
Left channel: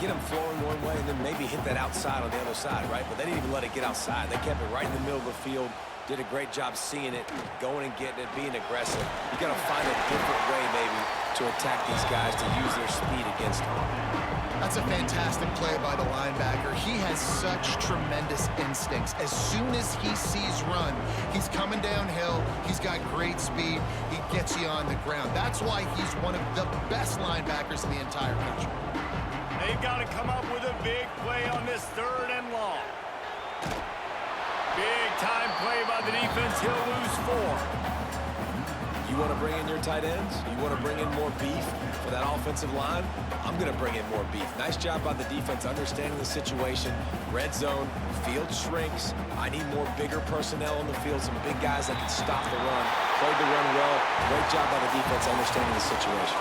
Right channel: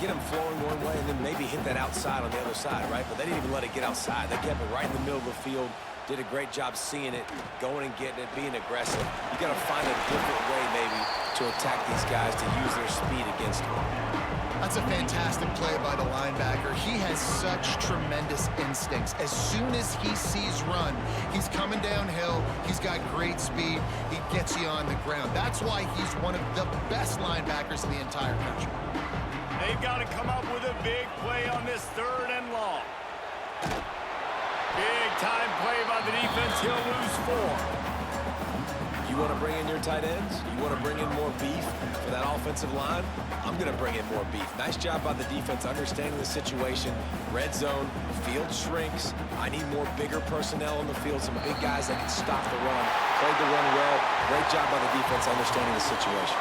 Get them flowing one way and then maybe hit that outside on the other side, right? But they didn't even let it get outside. They kept it right in the middle of the field. Did a great job seeing it, going and getting it, being aggressive. You got to find a different way maybe to attack these guys to use their speed against them. That's a fantastic play by the linebacker. He has such tremendous instincts. As soon as he sees run, he's coming downhill. He's got great speed. He gets you on the ground. That's why he's one of the best linebackers in the entire country. They've got to come up with a big play on this 3rd and long. Big time play by the defense. He'll lose 4. You want to bring in your tight ends? You want to bring in more beef for that offensive line? I'm going to bring in more beef. Nice job by the defense understanding the situation. Red zone, field shrinks. I need more bigger personnel on the field, some big guys that can stop the run. Played the run well. Great job by the defense understanding the situation.